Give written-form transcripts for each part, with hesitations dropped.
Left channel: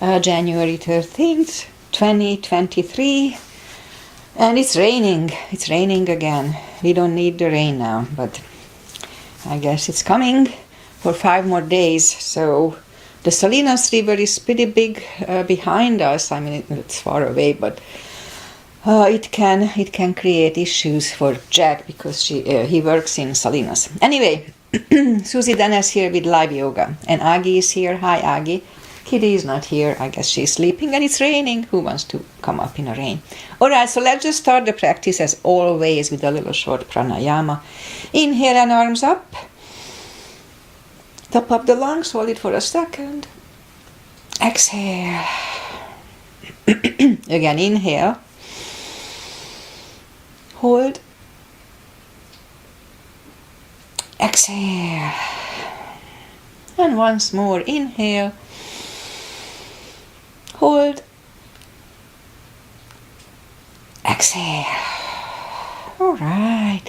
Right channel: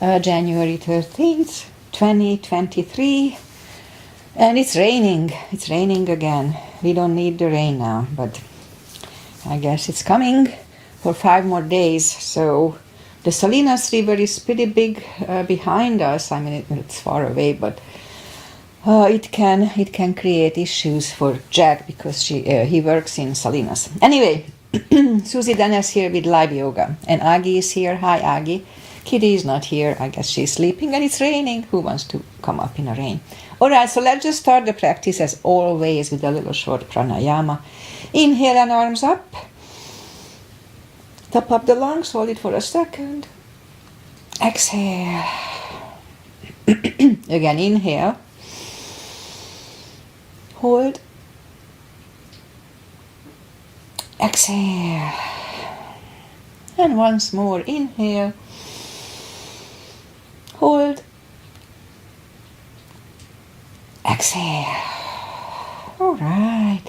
January 13th, 2023. And it's raining. It's raining again. We don't need the rain now, but I guess it's coming for 5 more days. So the Salinas River is pretty big behind us. I mean, it's far away, but it can create issues for Jack because he works in Salinas. Anyway, Susie Dennis here with live yoga, and Aggie is here. Hi, Aggie. Kitty is not here. I guess she's sleeping, and it's raining. Who wants to come up in the rain? All right, so let's just start the practice as always with a little short pranayama. Inhale and arms up. Top up the lungs. Hold it for a second. Exhale. Again, inhale. Hold. Exhale. And once more, inhale. Hold. Exhale. All right.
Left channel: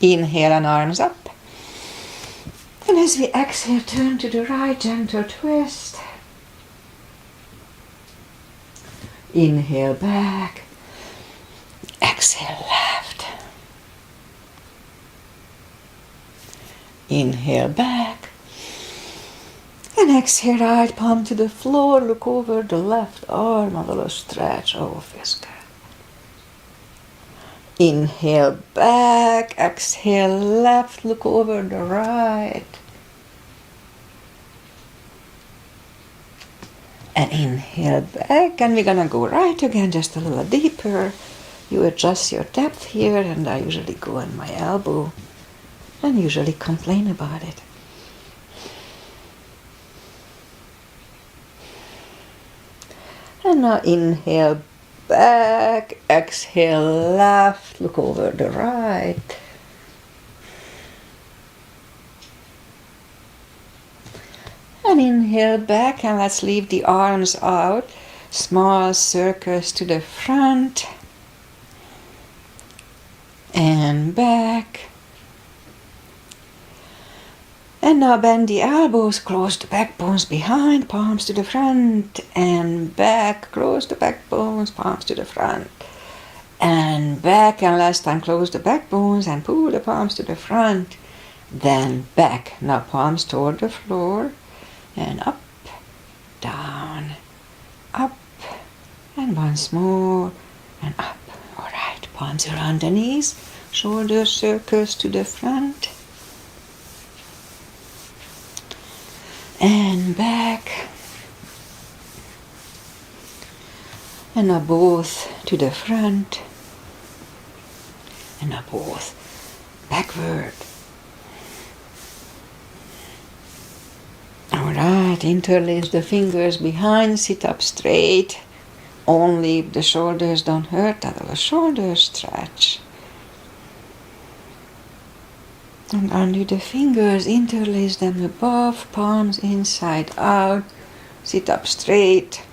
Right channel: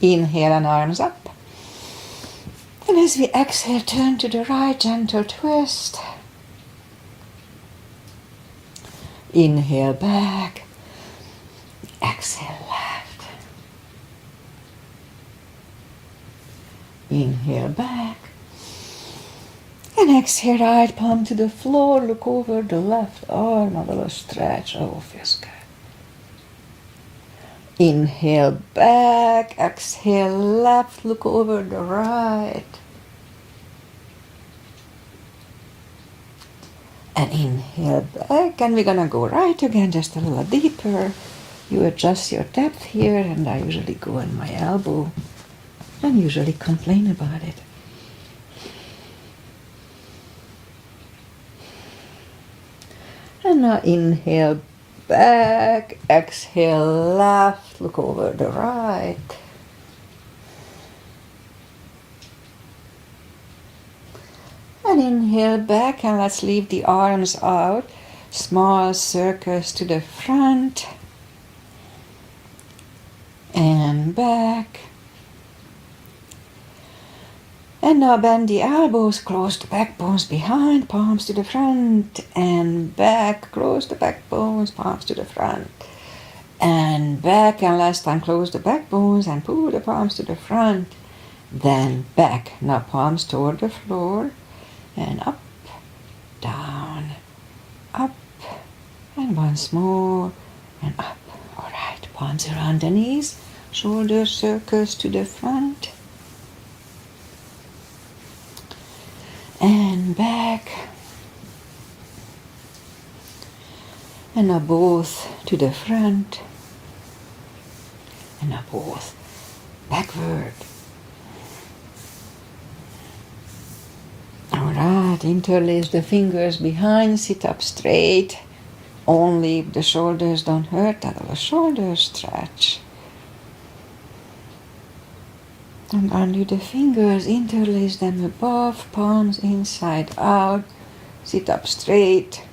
Inhale and arms up. And as we exhale, turn to the right, gentle twist. Inhale back. Exhale left. Inhale back. And exhale, right palm to the floor. Look over the left arm, a little stretch. Oh, feels good. Inhale back. Exhale left. Look over the right. And inhale back. And we're going to go right again, just a little deeper. You adjust your depth here, and I usually go on my elbow and usually complain about it. And now inhale back, exhale left, look over the right. And inhale back, and let's leave the arms out. Small circles to the front. And back. And now bend the elbows, close the backbones behind, palms to the front, and back, close the backbones, palms to the front, and back, and last time close the backbones and pull the palms to the front, then back. Now palms toward the floor, and up, down, up, and once more, and up. All right, palms around the knees, shoulder circles to the front, and back, and now both to the front, and now both backward. All right, interlace the fingers behind, sit up straight, only if the shoulders don't hurt, that little shoulder stretch. And undo the fingers, interlace them above, palms inside out, sit up straight,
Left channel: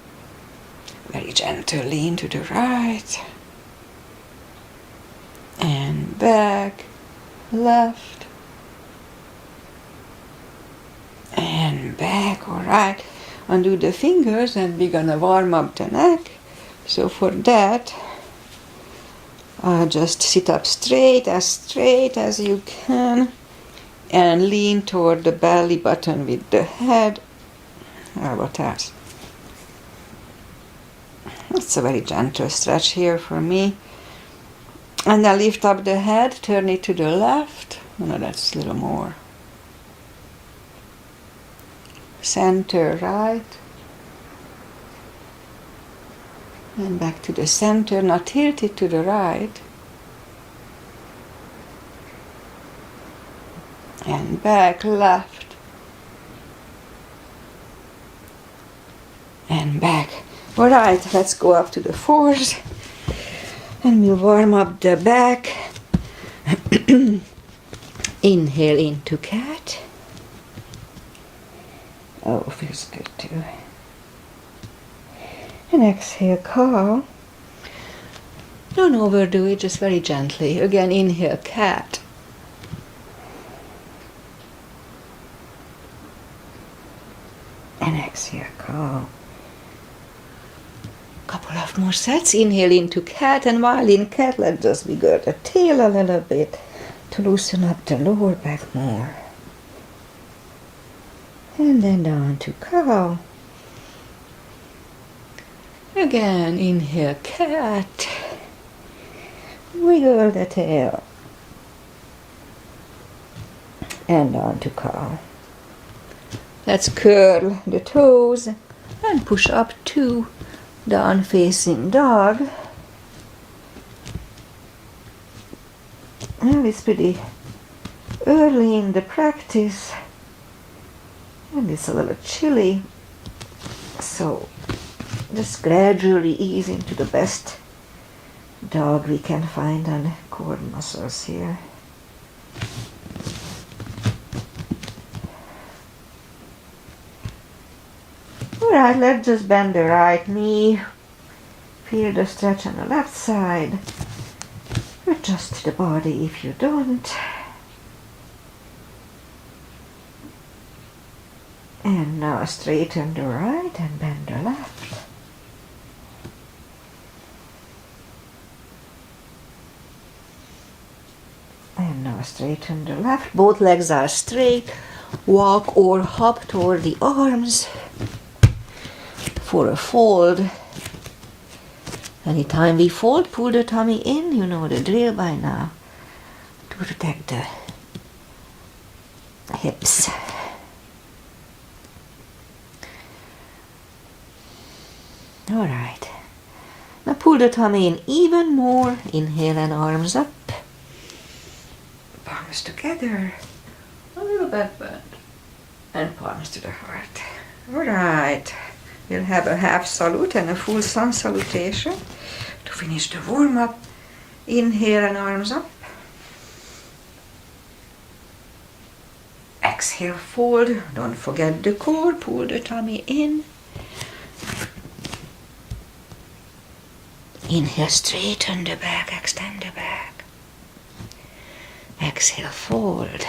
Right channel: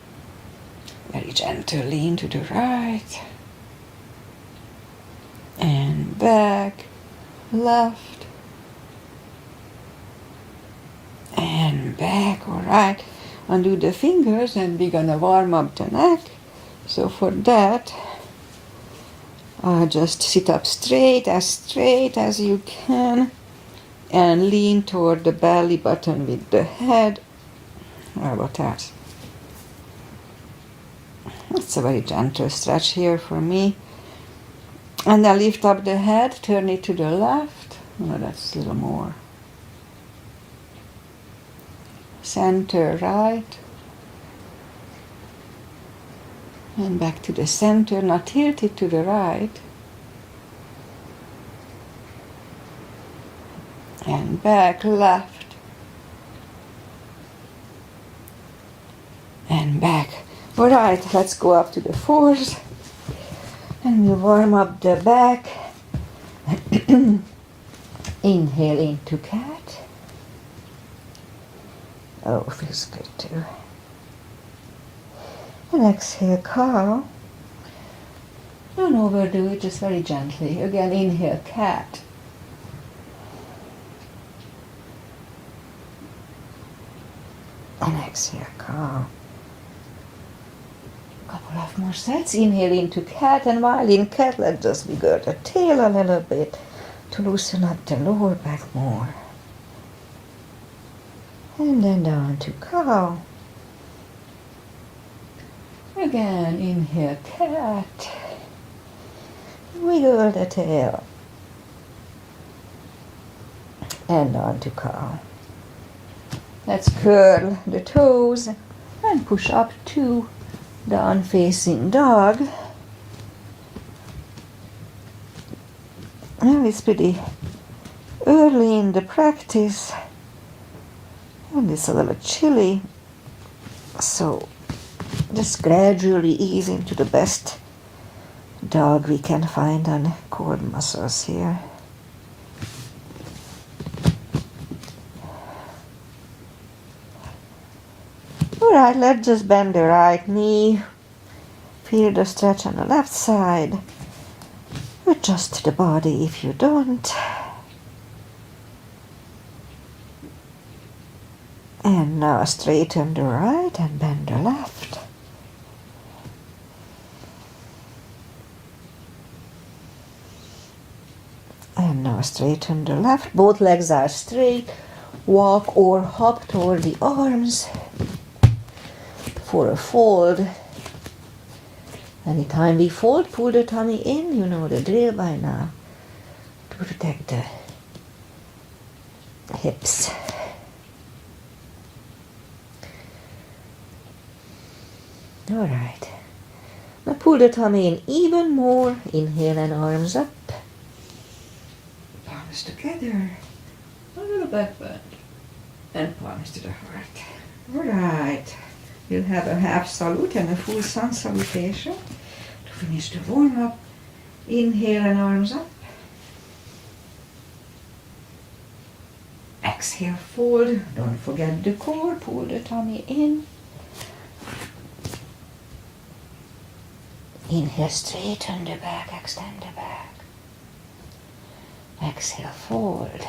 very gentle, lean to the right, and back, left, and back. All right, undo the fingers, and we're gonna warm up the neck. So for that, just sit up straight as you can, and lean toward the belly button with the head. What else? It's a very gentle stretch here for me. And then lift up the head, turn it to the left. No, that's a little more. Center right. And back to the center, now tilt it to the right. And back, left. And back. All right, let's go up to the fours. And we'll warm up the back. Inhale into cat. Oh, feels good too. And exhale, cow. Don't overdo it, just very gently. Again, inhale, cat. And exhale, cow. Couple of more sets. Inhale into cat, and while in cat, let's just wiggle the tail a little bit to loosen up the lower back more. And then down to cow. Again, inhale cat. Wiggle the tail. And on to cow. Let's curl the toes and push up to down facing dog. Well, it's pretty early in the practice and it's a little chilly, so just gradually ease into the best dog we can find on core muscles here. Alright, let's just bend the right knee. Feel the stretch on the left side. Adjust the body if you don't. And now straighten the right and bend the left. And now straighten the left. Both legs are straight. Walk or hop toward the arms for a fold. Anytime we fold, pull the tummy in. You know the drill by now. To protect the hips. Alright. Now pull the tummy in even more. Inhale and arms up. Palms together. A little back bend. And palms to the heart. Alright. We'll have a half salute and a full sun salutation to finish the warm-up. Inhale and arms up. Exhale, fold. Don't forget the core. Pull the tummy in. Inhale, straighten the back, extend the back. Exhale, fold.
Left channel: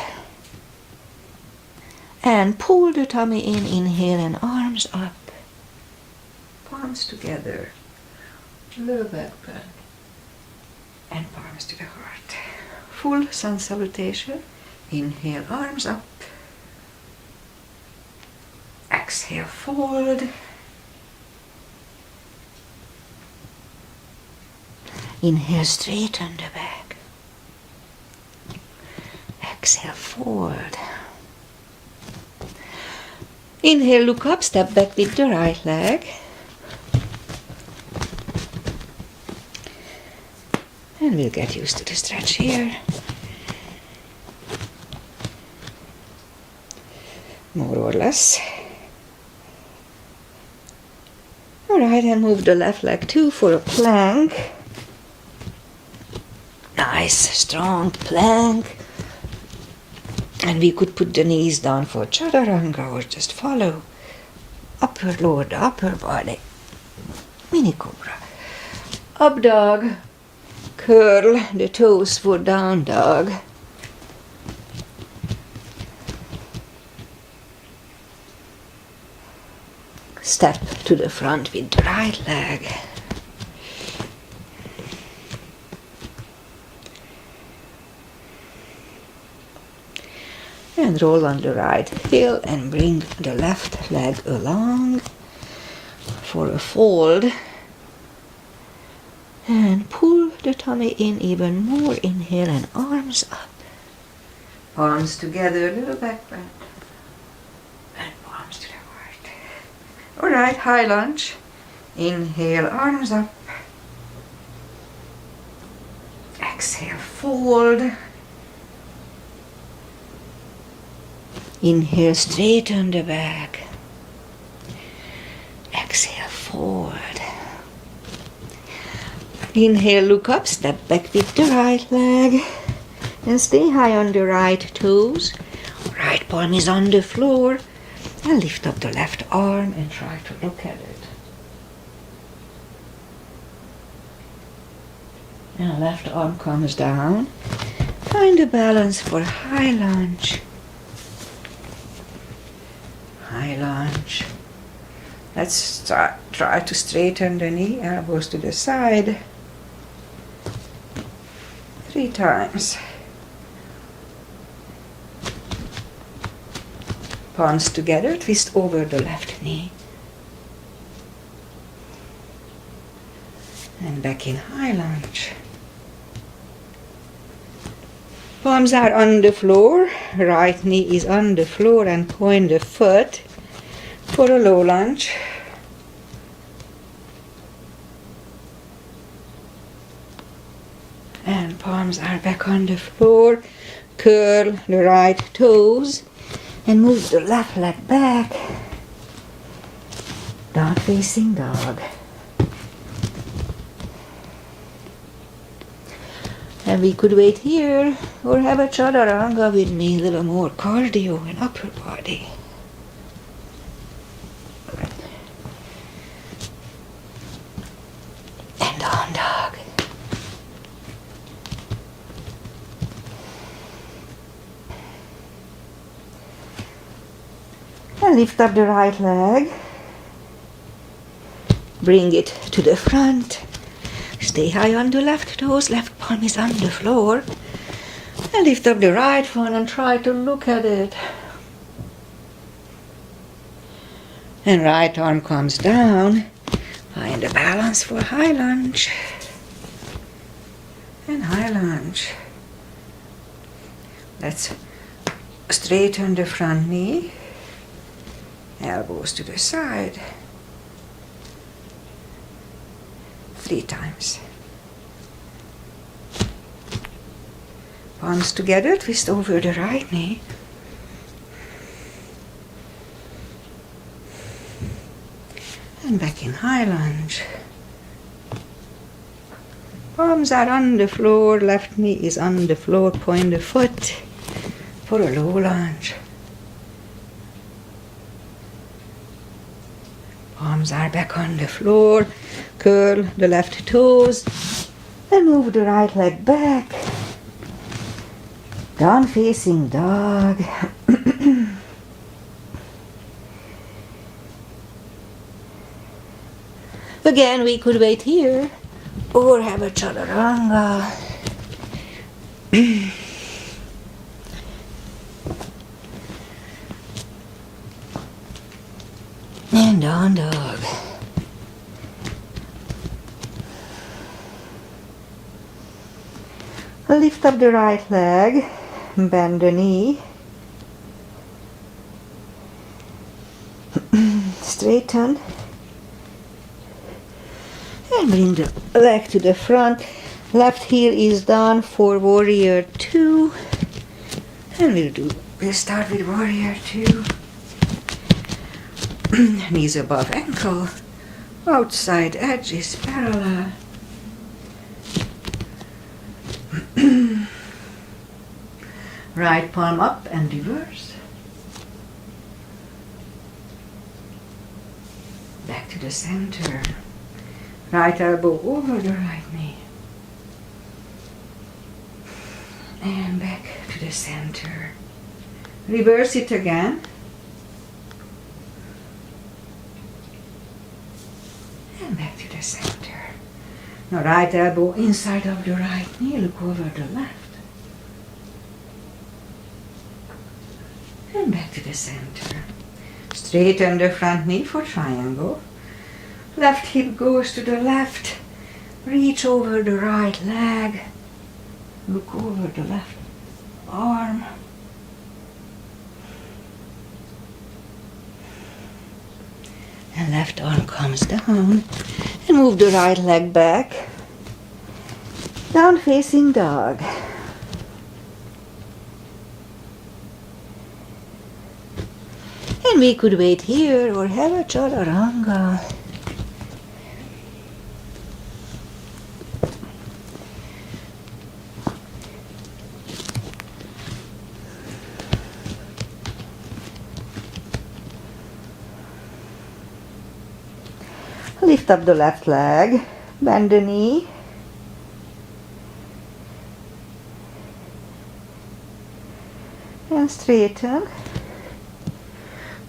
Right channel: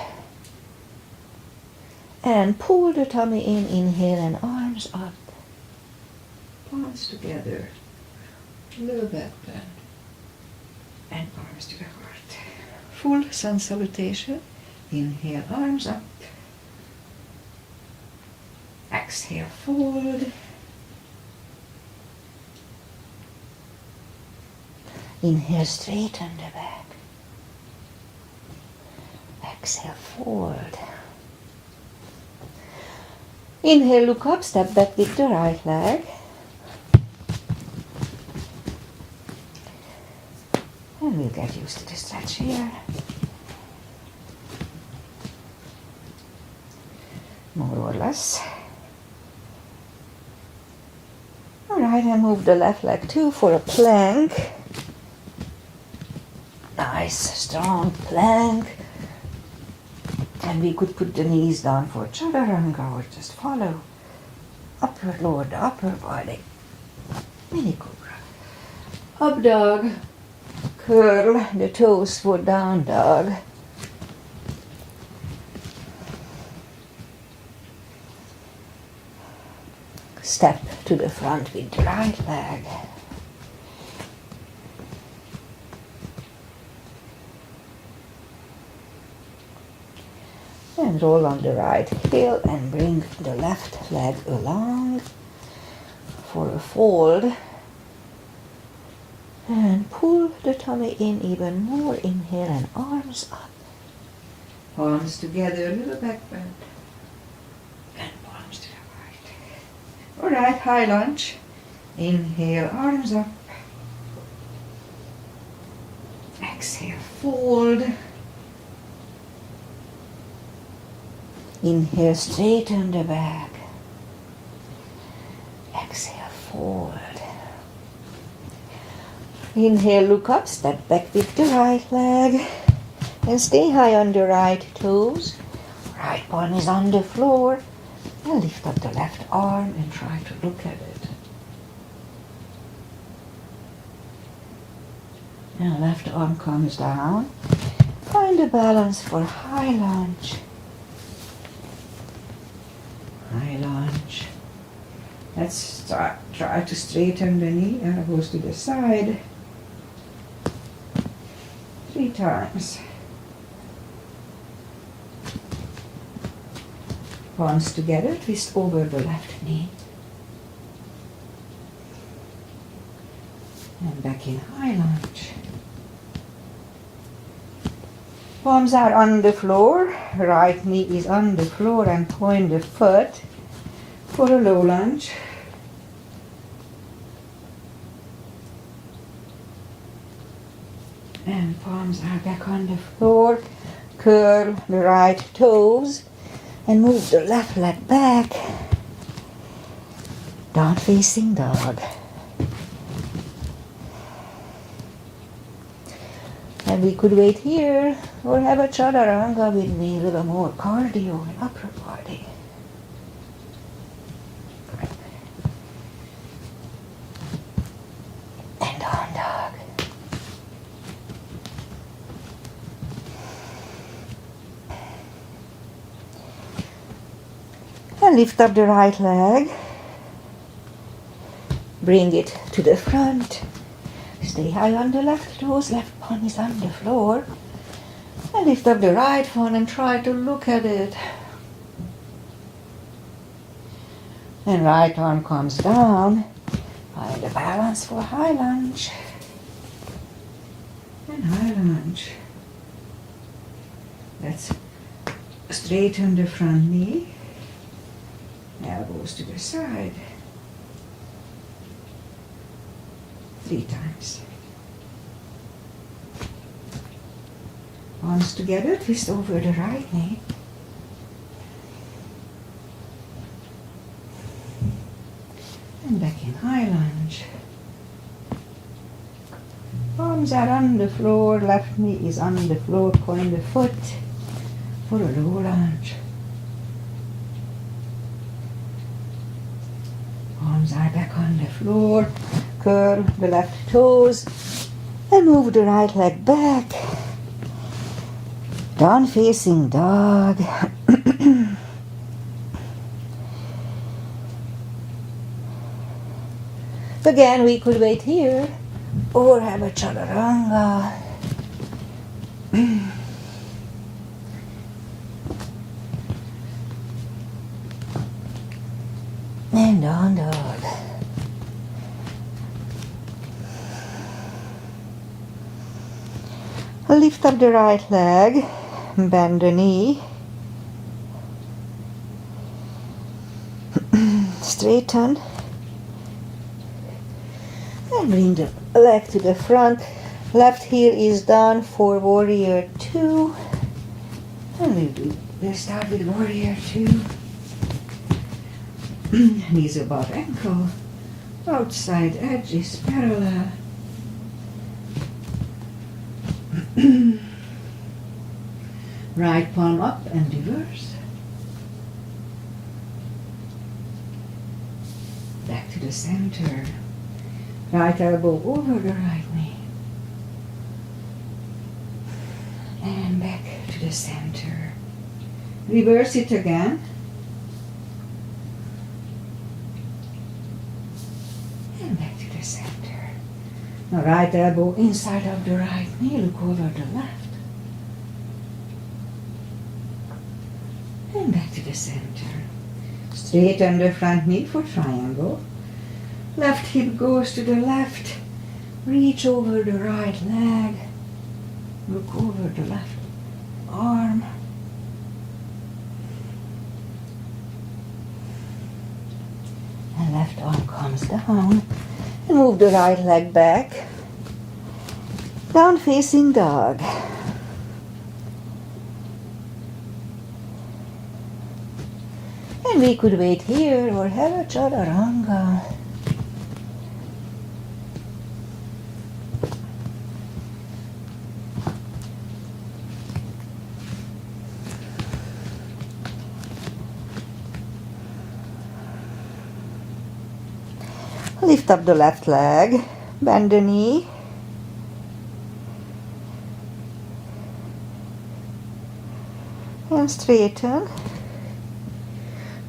And pull the tummy in. Inhale and arms up. Palms together. A little back bend. And palms to the heart. Full sun salutation. Inhale, arms up. Exhale, fold. Inhale, straighten the back. Exhale, forward. Inhale, look up, step back with the right leg. And we'll get used to the stretch here. More or less. Alright, and move the left leg too for a plank. Nice, strong plank. And we could put the knees down for chaturanga or just follow. Upper, lower the upper body. Mini cobra. Up dog. Curl the toes for down dog. Step to the front with the right leg. And roll on the right heel and bring the left leg along for a fold. And pull the tummy in even more. Inhale and arms up. Palms together, a little back bend. And palms to the heart. Alright, high lunge. Inhale, arms up. Exhale, fold. Inhale, straighten the back. Exhale, forward. Inhale, look up, step back with the right leg. And stay high on the right toes. Right palm is on the floor. And lift up the left arm and try to look at it. Now left arm comes down. Find a balance for high lunge. High lunge. Let's try to straighten the knee, elbows to the side. 3 times. Palms together, twist over the left knee. And back in high lunge. Palms are on the floor, right knee is on the floor, and point the foot for a low lunge. And palms are back on the floor. Curl the right toes and move the left leg back. Down facing dog. And we could wait here or have a chaturanga with me, a little more cardio in upper body. And down dog. And lift up the right leg. Bring it to the front. Stay high on the left toes, left palm is on the floor. And lift up the right one and try to look at it. And right arm comes down. Find a balance for high lunge. And high lunge. Let's straighten the front knee. Elbows to the side. 3 times. Palms together, twist over the right knee. And back in high lunge. Palms are on the floor, left knee is on the floor, point the foot for a low lunge. Palms are back on the floor. Curl the left toes and move the right leg back. Down facing dog. Again, we could wait here or have a chaturanga. And down dog. Lift up the right leg, bend the knee, straighten, and bring the leg to the front. Left heel is down for warrior 2, and we'll start with warrior 2. Knees above ankle, outside edge is parallel. Right palm up and reverse. Back to the center. Right elbow over the right knee. And back to the center. Reverse it again. And back to the center. Now right elbow inside of the right knee, look over the left. And back to the center. Straighten the front knee for triangle. Left hip goes to the left. Reach over the right leg. Look over the left arm. And left arm comes down. And move the right leg back. Down facing dog. And we could wait here or have a chaturanga. Lift up the left leg, bend the knee. And straighten.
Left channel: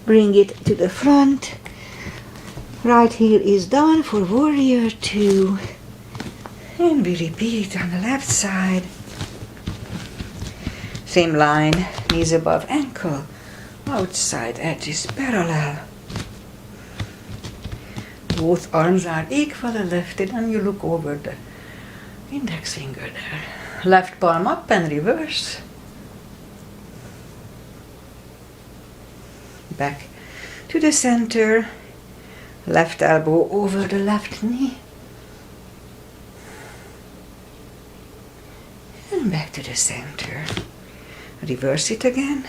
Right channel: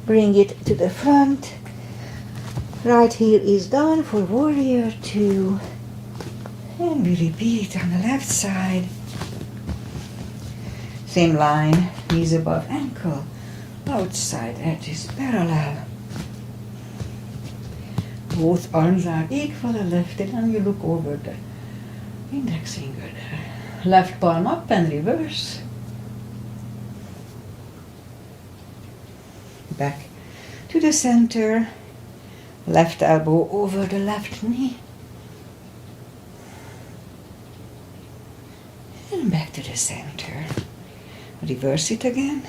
Bring it to the front. Right heel is done for warrior 2. And we repeat on the left side. Same line, knees above ankle, outside edges parallel. Both arms are equally lifted and you look over the index finger there. Left palm up and reverse. Back to the center. Left elbow over the left knee. And back to the center. Reverse it again.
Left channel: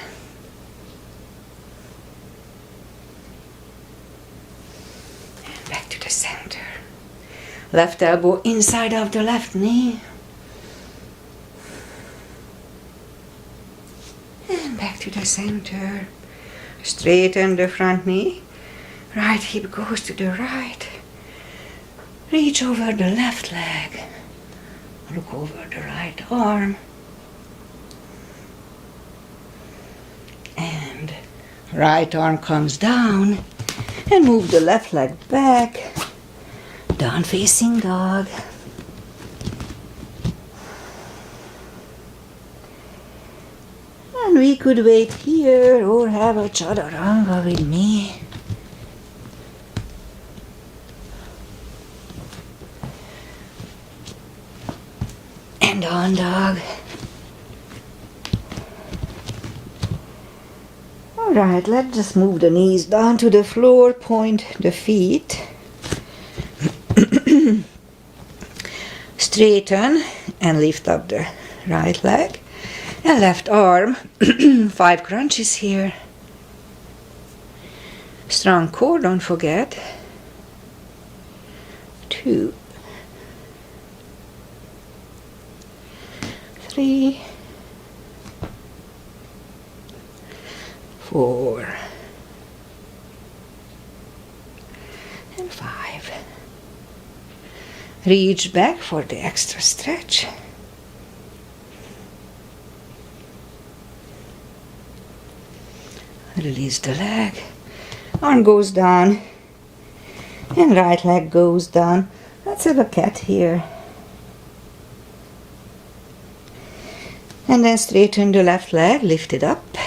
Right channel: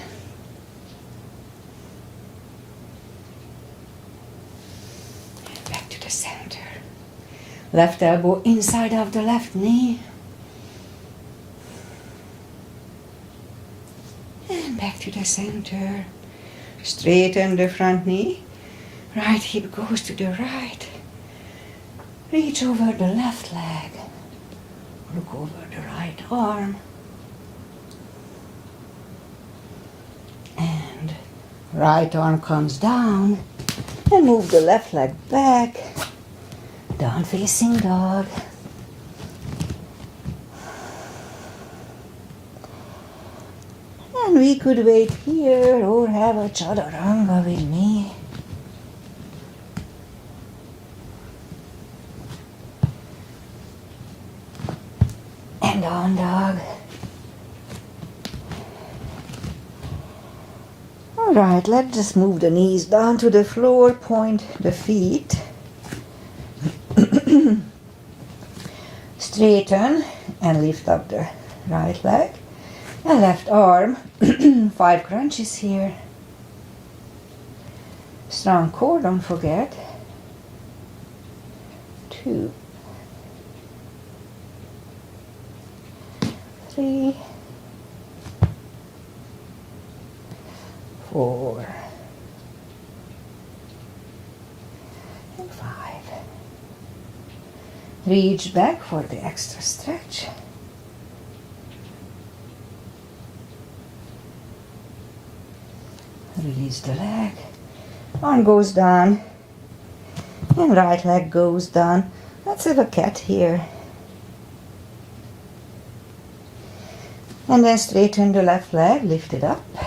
And back to the center. Left elbow inside of the left knee. And back to the center. Straighten the front knee. Right hip goes to the right. Reach over the left leg. Look over the right arm. And right arm comes down. And move the left leg back. Down facing dog. And we could wait here or have a chaturanga with me. And on dog. Alright, let's just move the knees down to the floor, point the feet. Straighten and lift up the right leg. And left arm, 5 crunches here. Strong core, don't forget. 2, 3, 4, and 5. Reach back for the extra stretch. Release the leg. Arm goes down. And right leg goes down. Let's have a cat here. And then straighten the left leg, lift it up.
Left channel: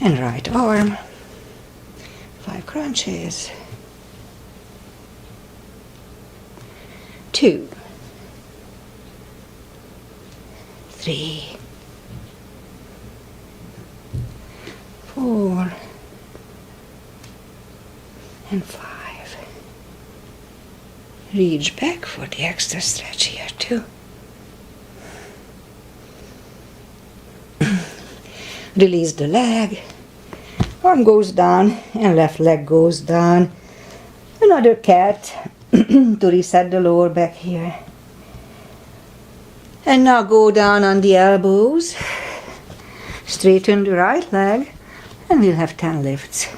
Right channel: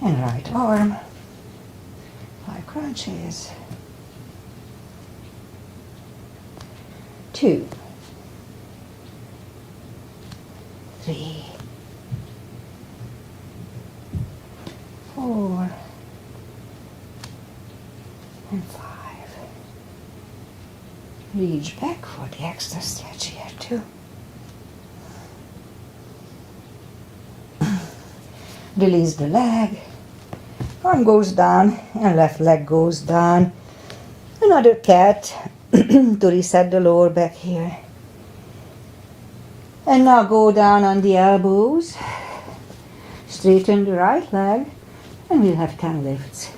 And right arm. 5 crunches. 2, 3, 4, and 5. Reach back for the extra stretch here too. Release the leg. Arm goes down and left leg goes down. Another cat to reset the lower back here. And now go down on the elbows. Straighten the right leg. And we'll have 10 lifts.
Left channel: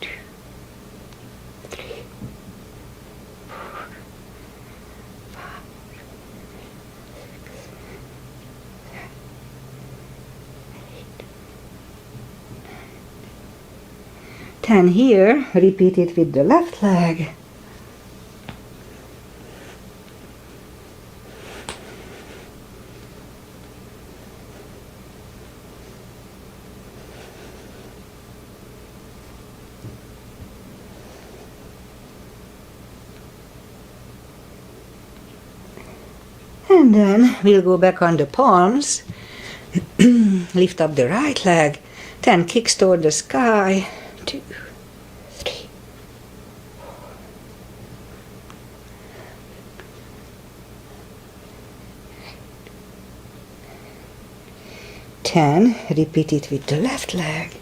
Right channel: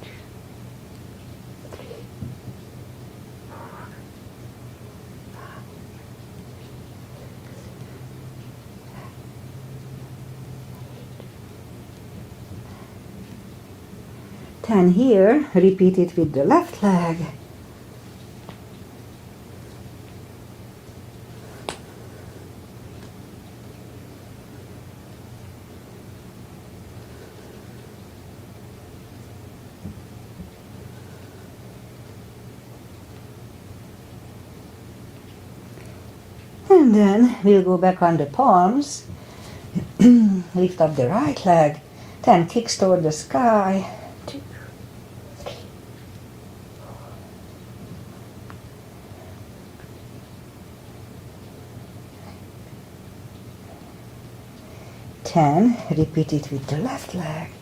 2, 3, 4, 5, 10 here. Repeat it with the left leg. And then we'll go back on the palms. Lift up the right leg. 10 kicks toward the sky. 2, 3, 4. 10. Repeat it with the left leg.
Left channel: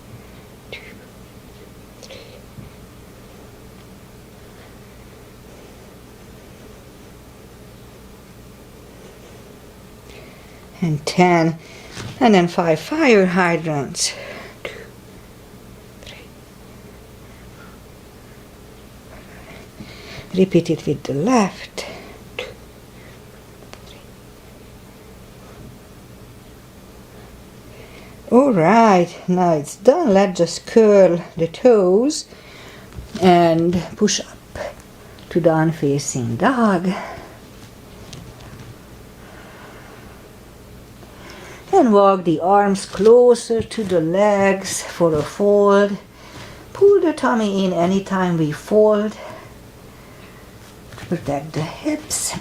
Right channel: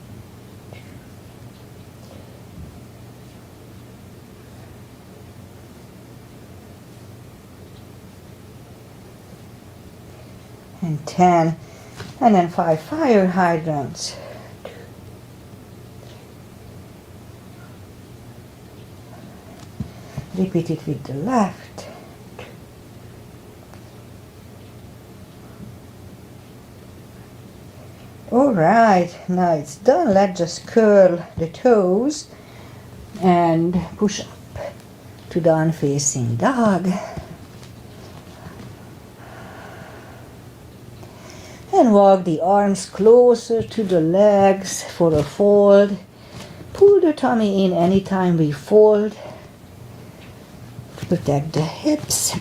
2, 3. And 10. And then 5 fire hydrants. 2, 3. Repeat it with the left. 2, 3. All right, now it's done. Let's just curl the toes and push up to down facing dog. And walk the arms closer to the legs for a fold. Pull the tummy in anytime we fold. Protect the hips.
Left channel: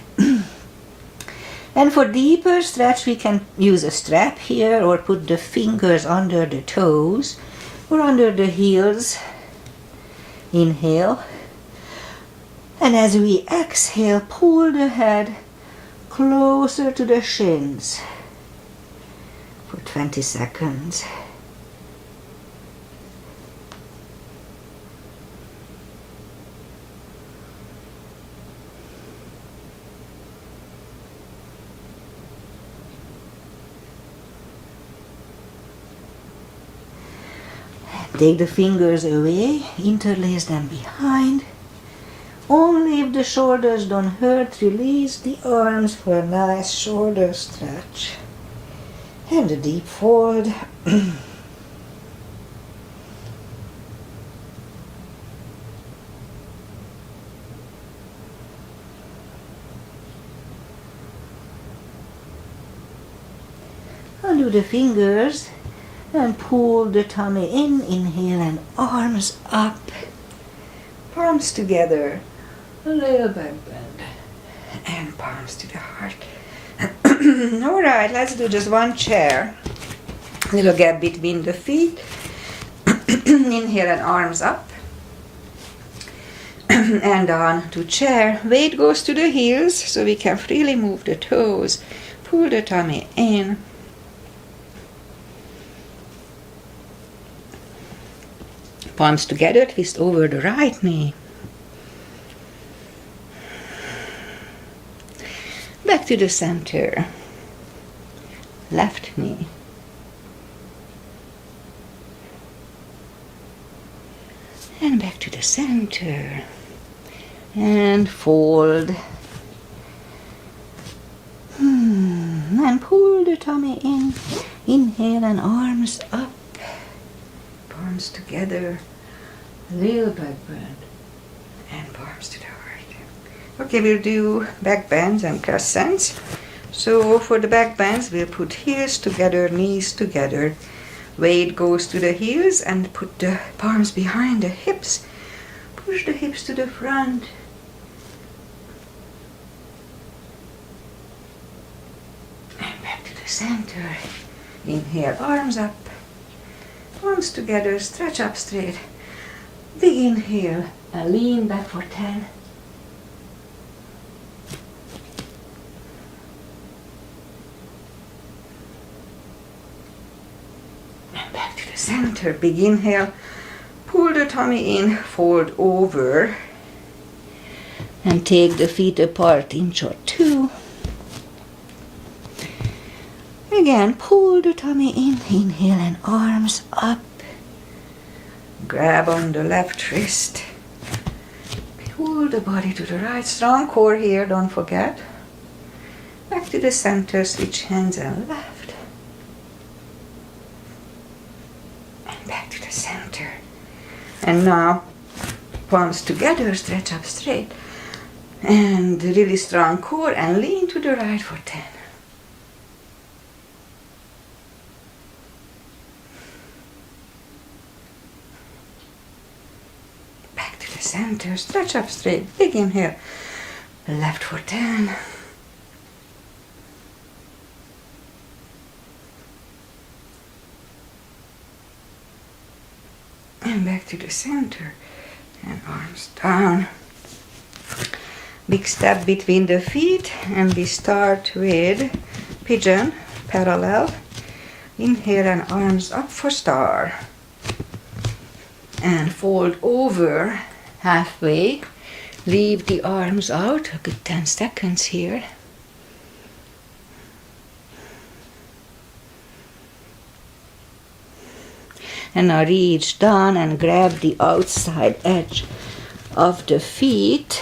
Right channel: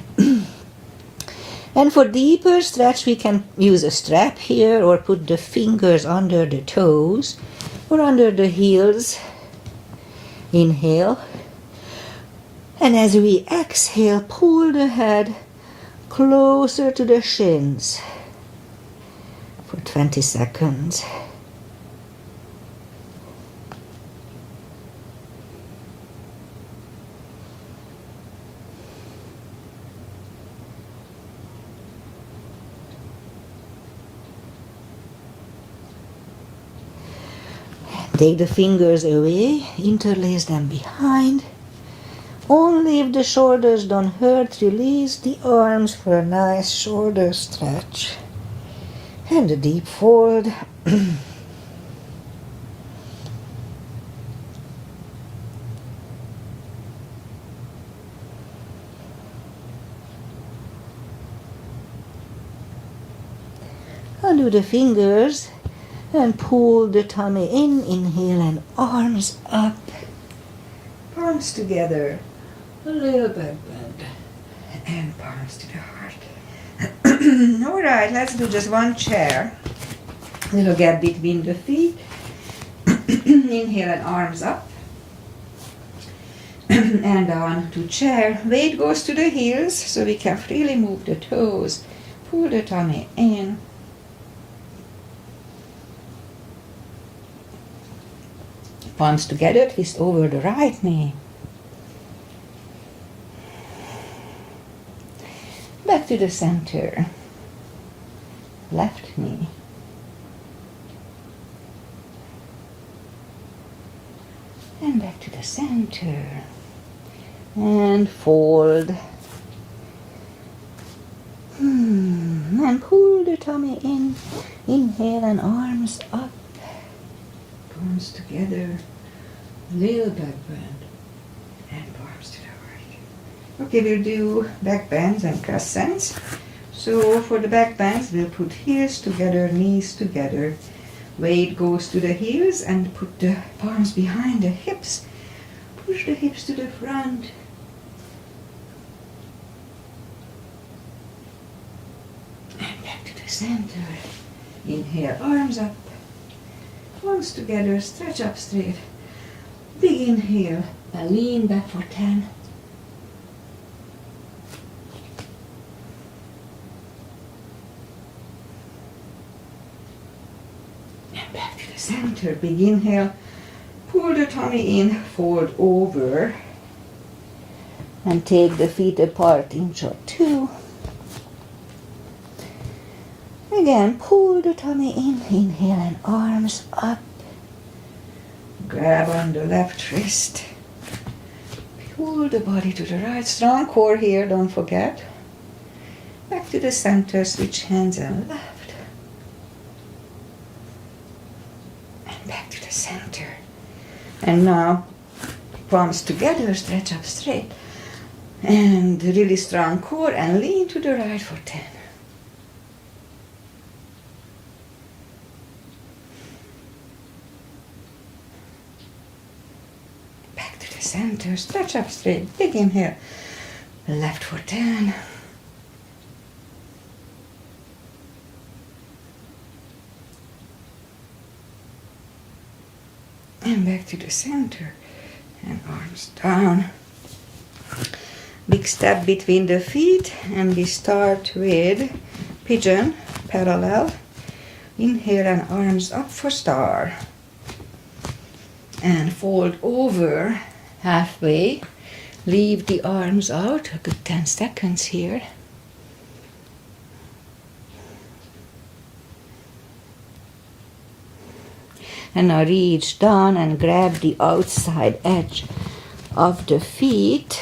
And for deeper stretch, we can use a strap here or put the fingers under the toes or under the heels. Inhale. And as we exhale, pull the head closer to the shins for 20 seconds. Take the fingers away, interlace them behind. Only if the shoulders don't hurt, release the arms for a nice shoulder stretch. And a deep fold. Undo the fingers and pull the tummy in. Inhale and arms up. Palms together. A little back bend. And palms to the heart. Alright, let's do just one chair. Little gap between the feet. Inhale and arms up. And on to chair. Weight goes to the heels so we can freely move the toes. Pull the tummy in. Palms together, twist over the right knee. Back to the center. Left knee. And back to the center. And fold. And pull the tummy in. Inhale and arms up. Palms together, little back bend, and palms to the heart. Okay, we'll do back bends and crescents. So for the back bends, we'll put heels together, knees together. Weight goes to the heels and put the palms behind the hips. Push the hips to the front. And back to the center. Inhale, arms up. Palms together, stretch up straight. Big inhale and lean back for 10. And back to the center. Big inhale. Pull the tummy in, fold over. And take the feet apart, inch or two. Again, pull the tummy in, inhale and arms up. Grab on the left wrist. Pull the body to the right. Strong core here, don't forget. Back to the center, switch hands and left. And back to the center. And now, palms together, stretch up straight. And really strong core and lean to the right for 10. Center, stretch up straight, big inhale, left for 10. And back to the center, and arms down. Big step between the feet, and we start with pigeon, parallel. Inhale and arms up for star. And fold over halfway, leave the arms out, a good 10 seconds here. And now reach down and grab the outside edge of the feet.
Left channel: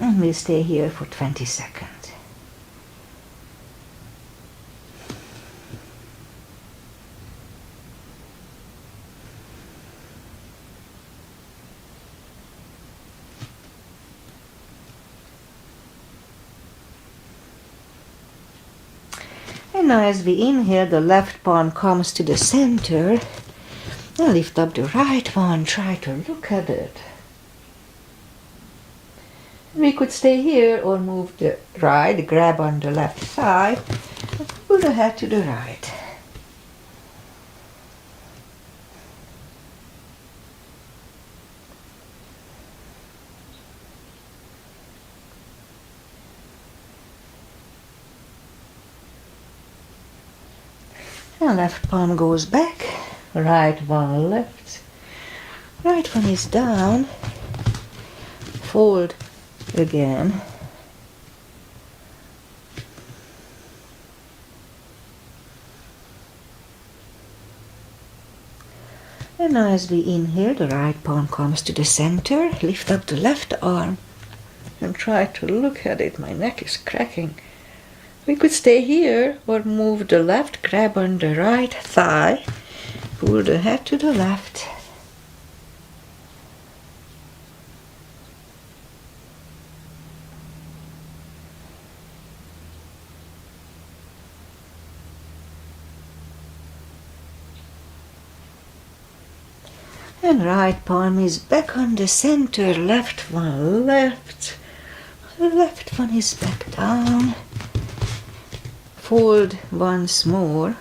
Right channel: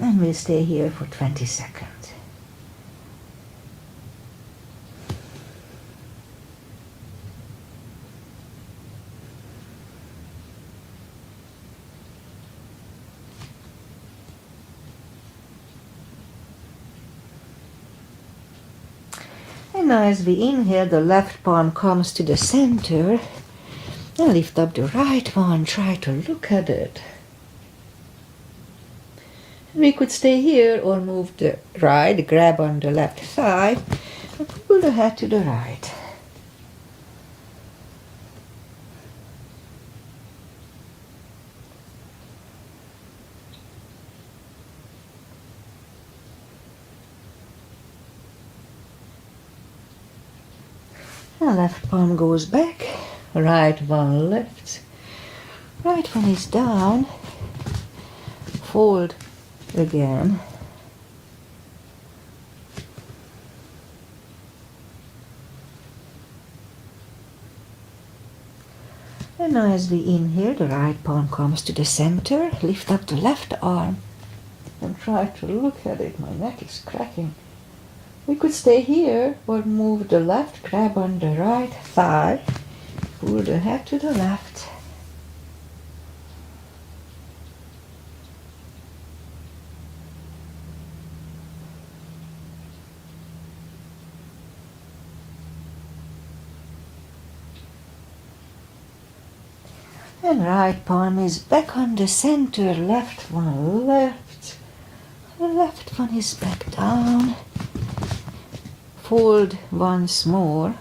And we'll stay here for 20 seconds. And now as we inhale, the left palm comes to the center. Now lift up the right one, try to look at it. We could stay here or move the right, grab on the left thigh, and pull the head to the right. And left palm goes back, right one left. Right one is down, fold again. And now as we inhale, the right palm comes to the center, lift up the left arm and try to look at it. My neck is cracking. We could stay here or move the left, grab on the right thigh, pull the head to the left. And right palm is back on the center, left one left. The left one is back down. Fold once more.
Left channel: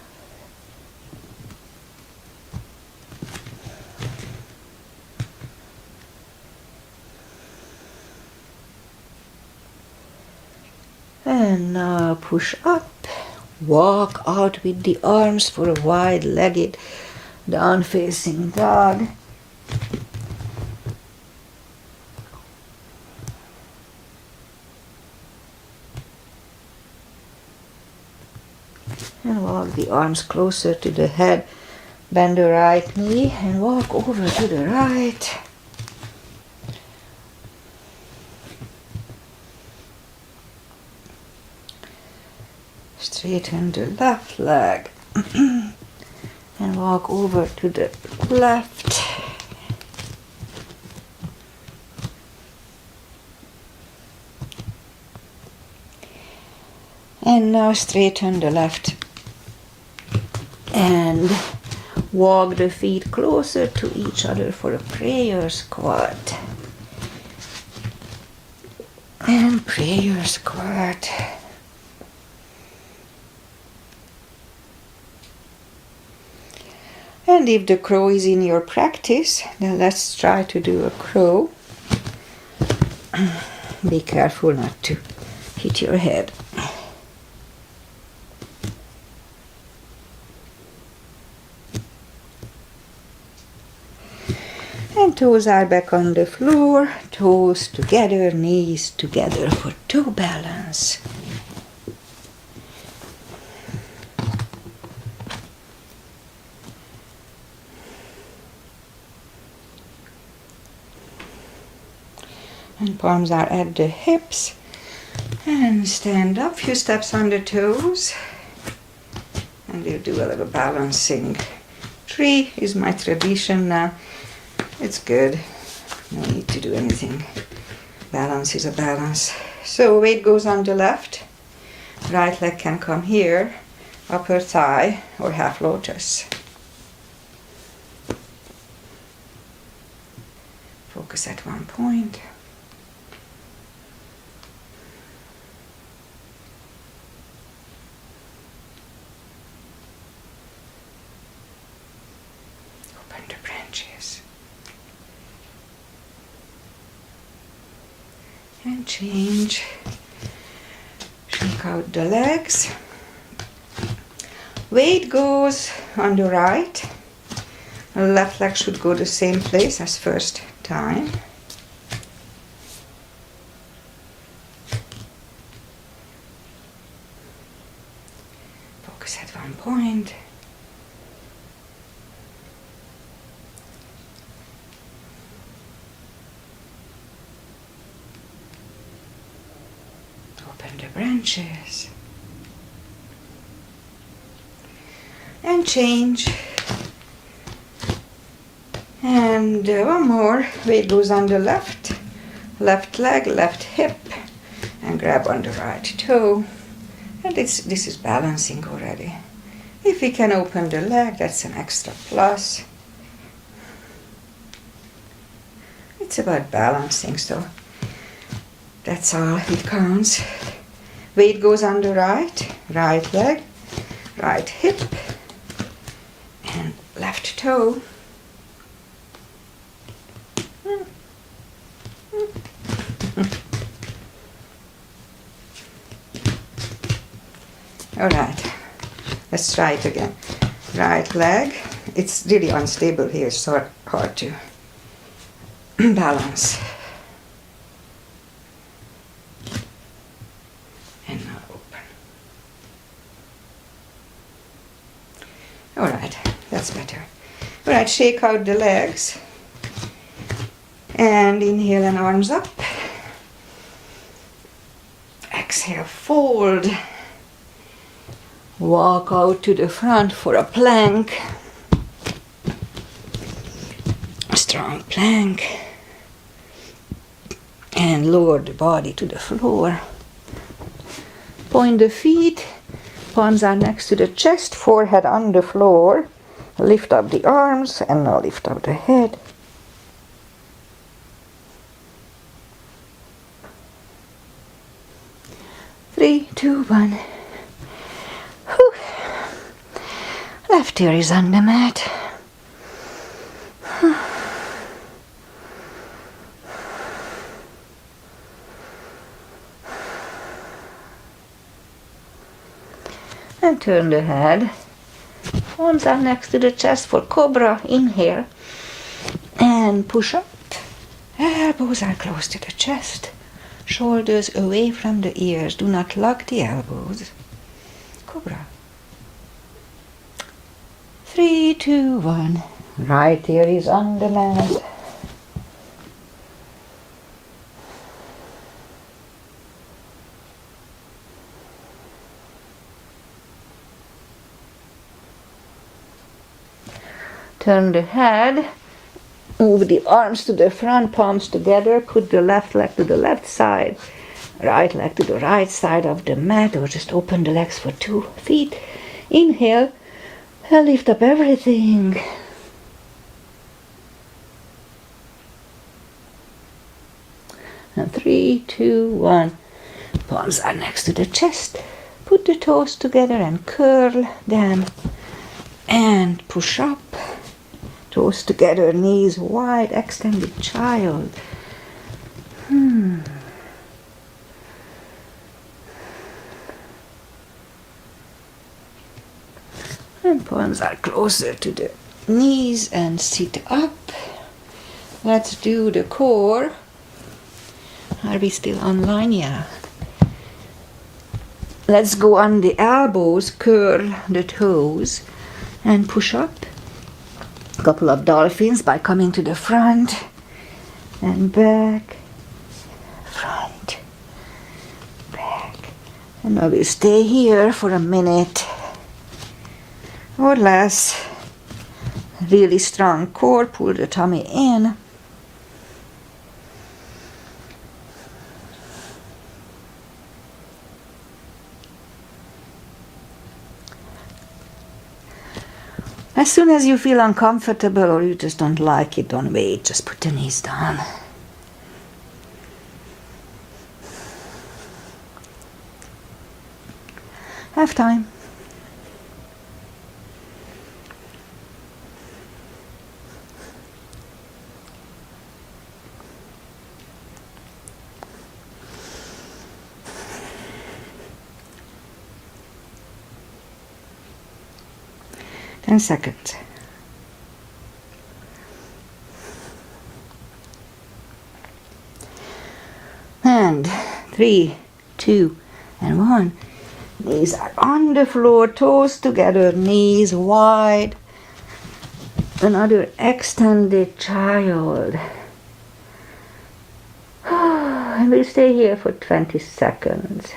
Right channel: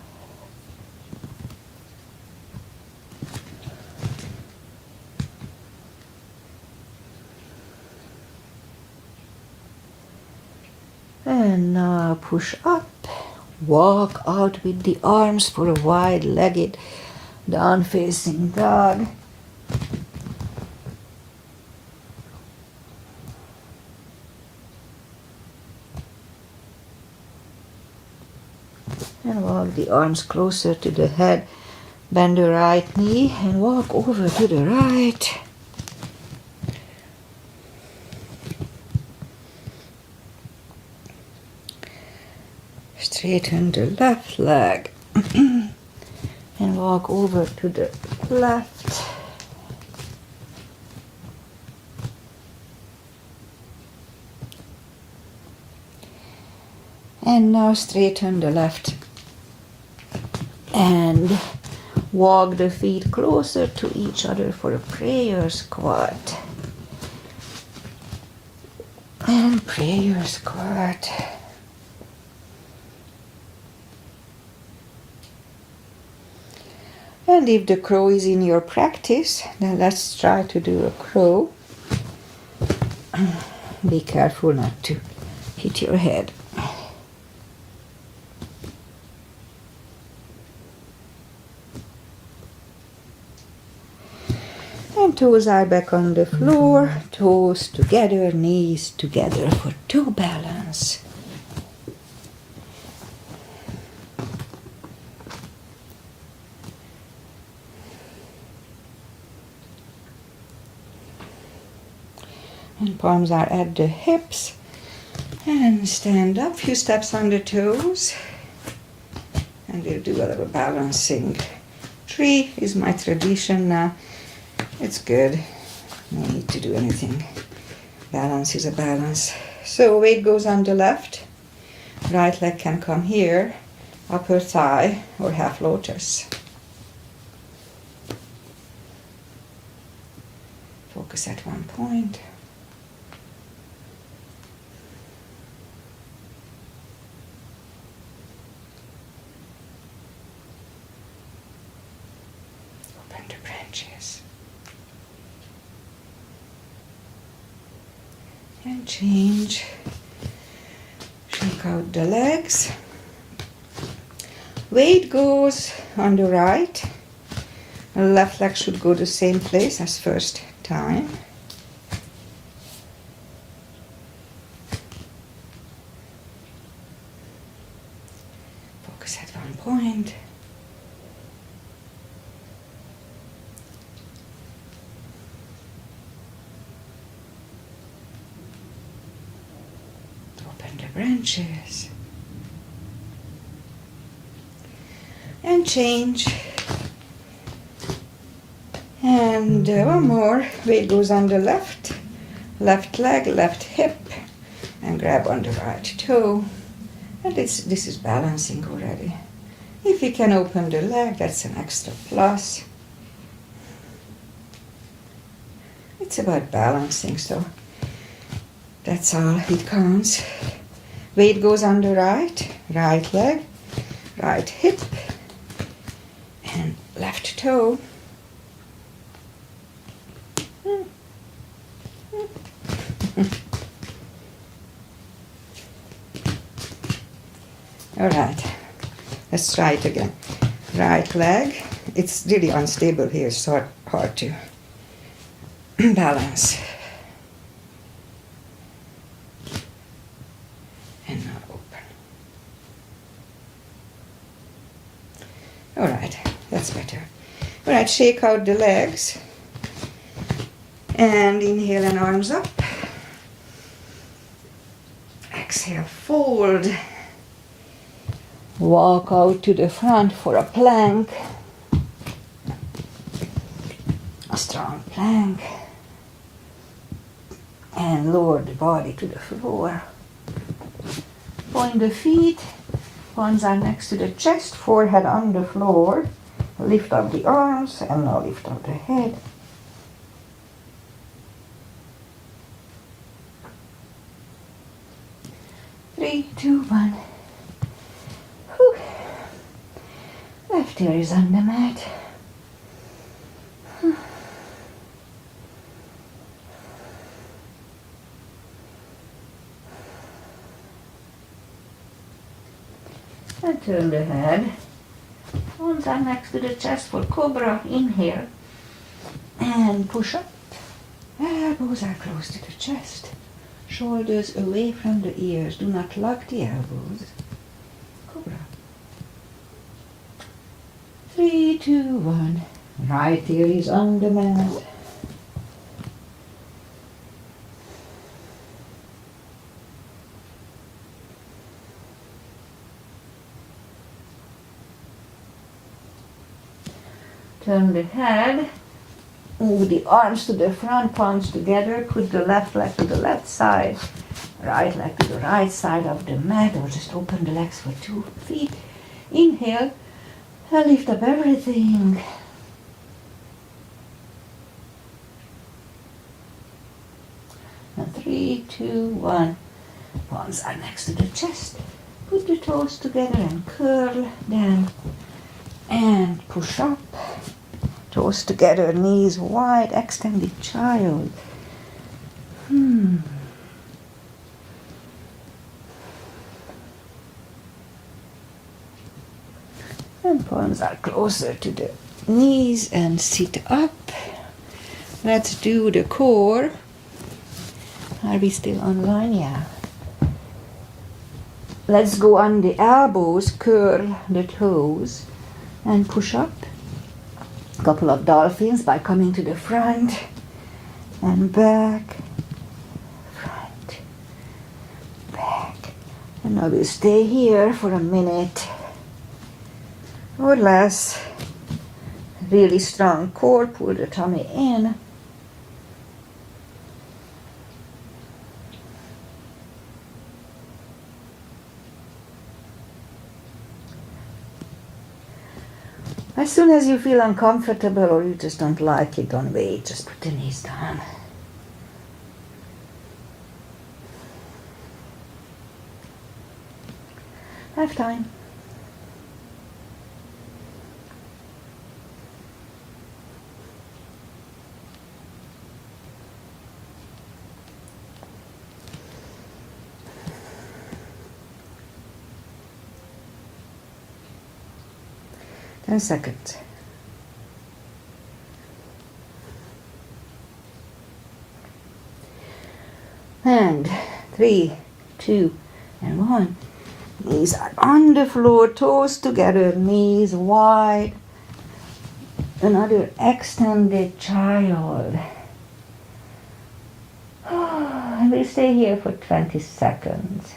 And now push up. Walk out with the arms for a wide-legged down-facing dog. And walk the arms closer to the head. Bend the right knee and walk over to the right. Straighten the left leg and walk over to the left. And now straighten the left and walk the feet closer to each other for a prayer squat. And prayer squat. And if the crow is in your practice, then let's try to do a crow. Be careful not to hit your head. And toes are back on the floor, toes together, knees together for toe balance. And palms are at the hips. And stand up, few steps on the toes. And we'll do a little balancing. 3 is my tradition now. It's good. No need to do anything. Balance is a balance. So weight goes on the left. Right leg can come here. Upper thigh or half lotus. Focus at one point. Open the branches. And change. Shake out the legs. Weight goes on the right. The left leg should go the same place as first time. Focus at one point. Open the branches. And change. And one more. Weight goes on the left. Left leg, left hip. And grab on the right toe. And this is balancing already. If we can open the leg, that's an extra plus. It's about balancing, so that's all it counts. Weight goes on the right leg, right hip, and left toe. All right, let's try it again. Right leg, it's really unstable here, so hard to balance. And now open. All right, that's better. All right, shake out the legs. And inhale and arms up. Exhale, fold. Walk out to the front for a plank. Strong plank. And lower the body to the floor. Point the feet. Palms are next to the chest, forehead on the floor. Lift up the arms and now lift up the head. Three, two, one. Whew. Left ear is on the mat. And turn the head. Arms are next to the chest for cobra. Inhale. And push up. Elbows are close to the chest. Shoulders away from the ears. Do not lock the elbows. Cobra. 3, 2, 1. Right ear is on the mat. Turn the head. Move the arms to the front, palms together. Put the left leg to the left side, right leg to the right side of the mat, or just open the legs for 2 feet. Inhale and lift up everything. And 3, 2, 1. Palms are next to the chest. Put the toes together and curl them. And push up. Toes together, knees wide, extended child. And palms are closer to the knees and sit up. Let's do the core. Are we still online? Yeah. Let's go on the elbows, curl the toes, and push up. A couple of dolphins by coming to the front and back, front, back. And I will stay here for a minute or less. Really strong core, pull the tummy in. As soon as you feel uncomfortable or you just don't like it, don't wait, just put the knees down. Have time. Seconds. And 3, 2, and 1. Knees are on the floor, toes together, knees wide. Another extended child. And we'll stay here for 20 seconds.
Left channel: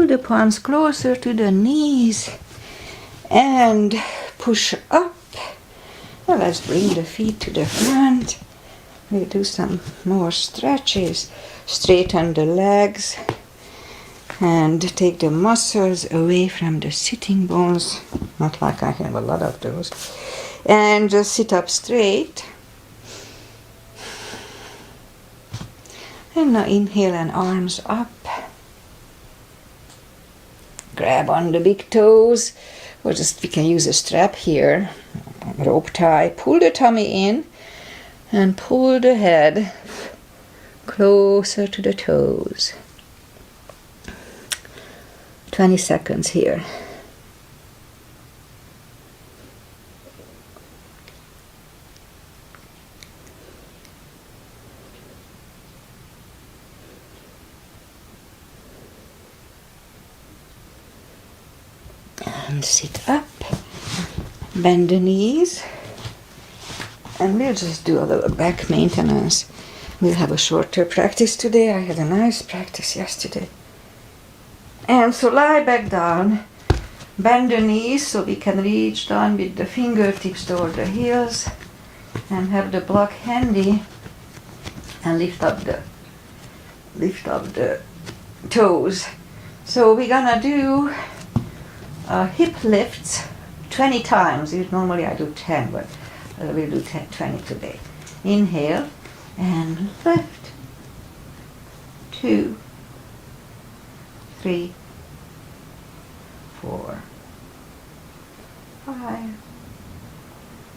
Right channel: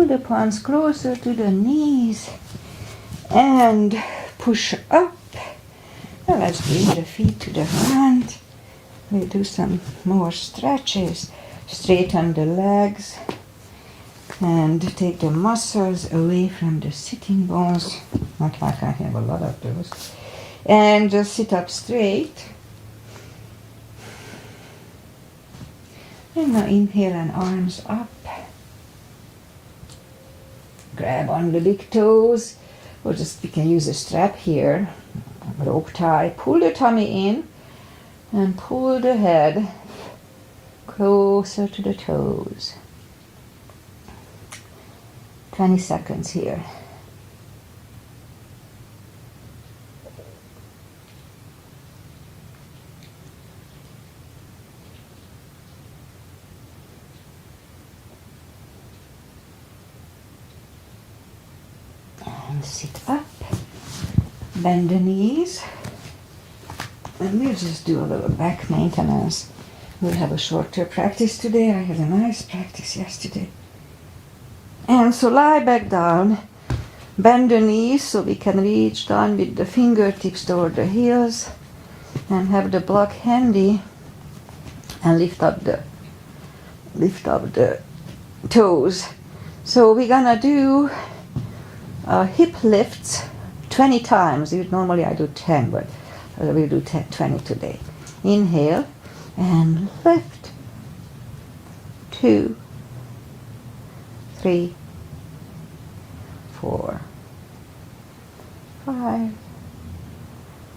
pull the palms closer to the knees and push up. Now let's bring the feet to the front. We'll do some more stretches. Straighten the legs and take the muscles away from the sitting bones. Not like I have a lot of those. And just sit up straight. And now inhale and arms up. Grab on the big toes. Or just we can use a strap here. Rope tie. Pull the tummy in and pull the head closer to the toes. 20 seconds here. And sit up, bend the knees, and we'll just do a little back maintenance. We'll have a shorter practice today. I had a nice practice yesterday. And so lie back down, bend the knees so we can reach down with the fingertips toward the heels and have the block handy and lift up the toes. So we're gonna do hip lifts 20 times. Normally I do 10, but we'll do 20 today. Inhale and lift. 2, 3, 4, 5,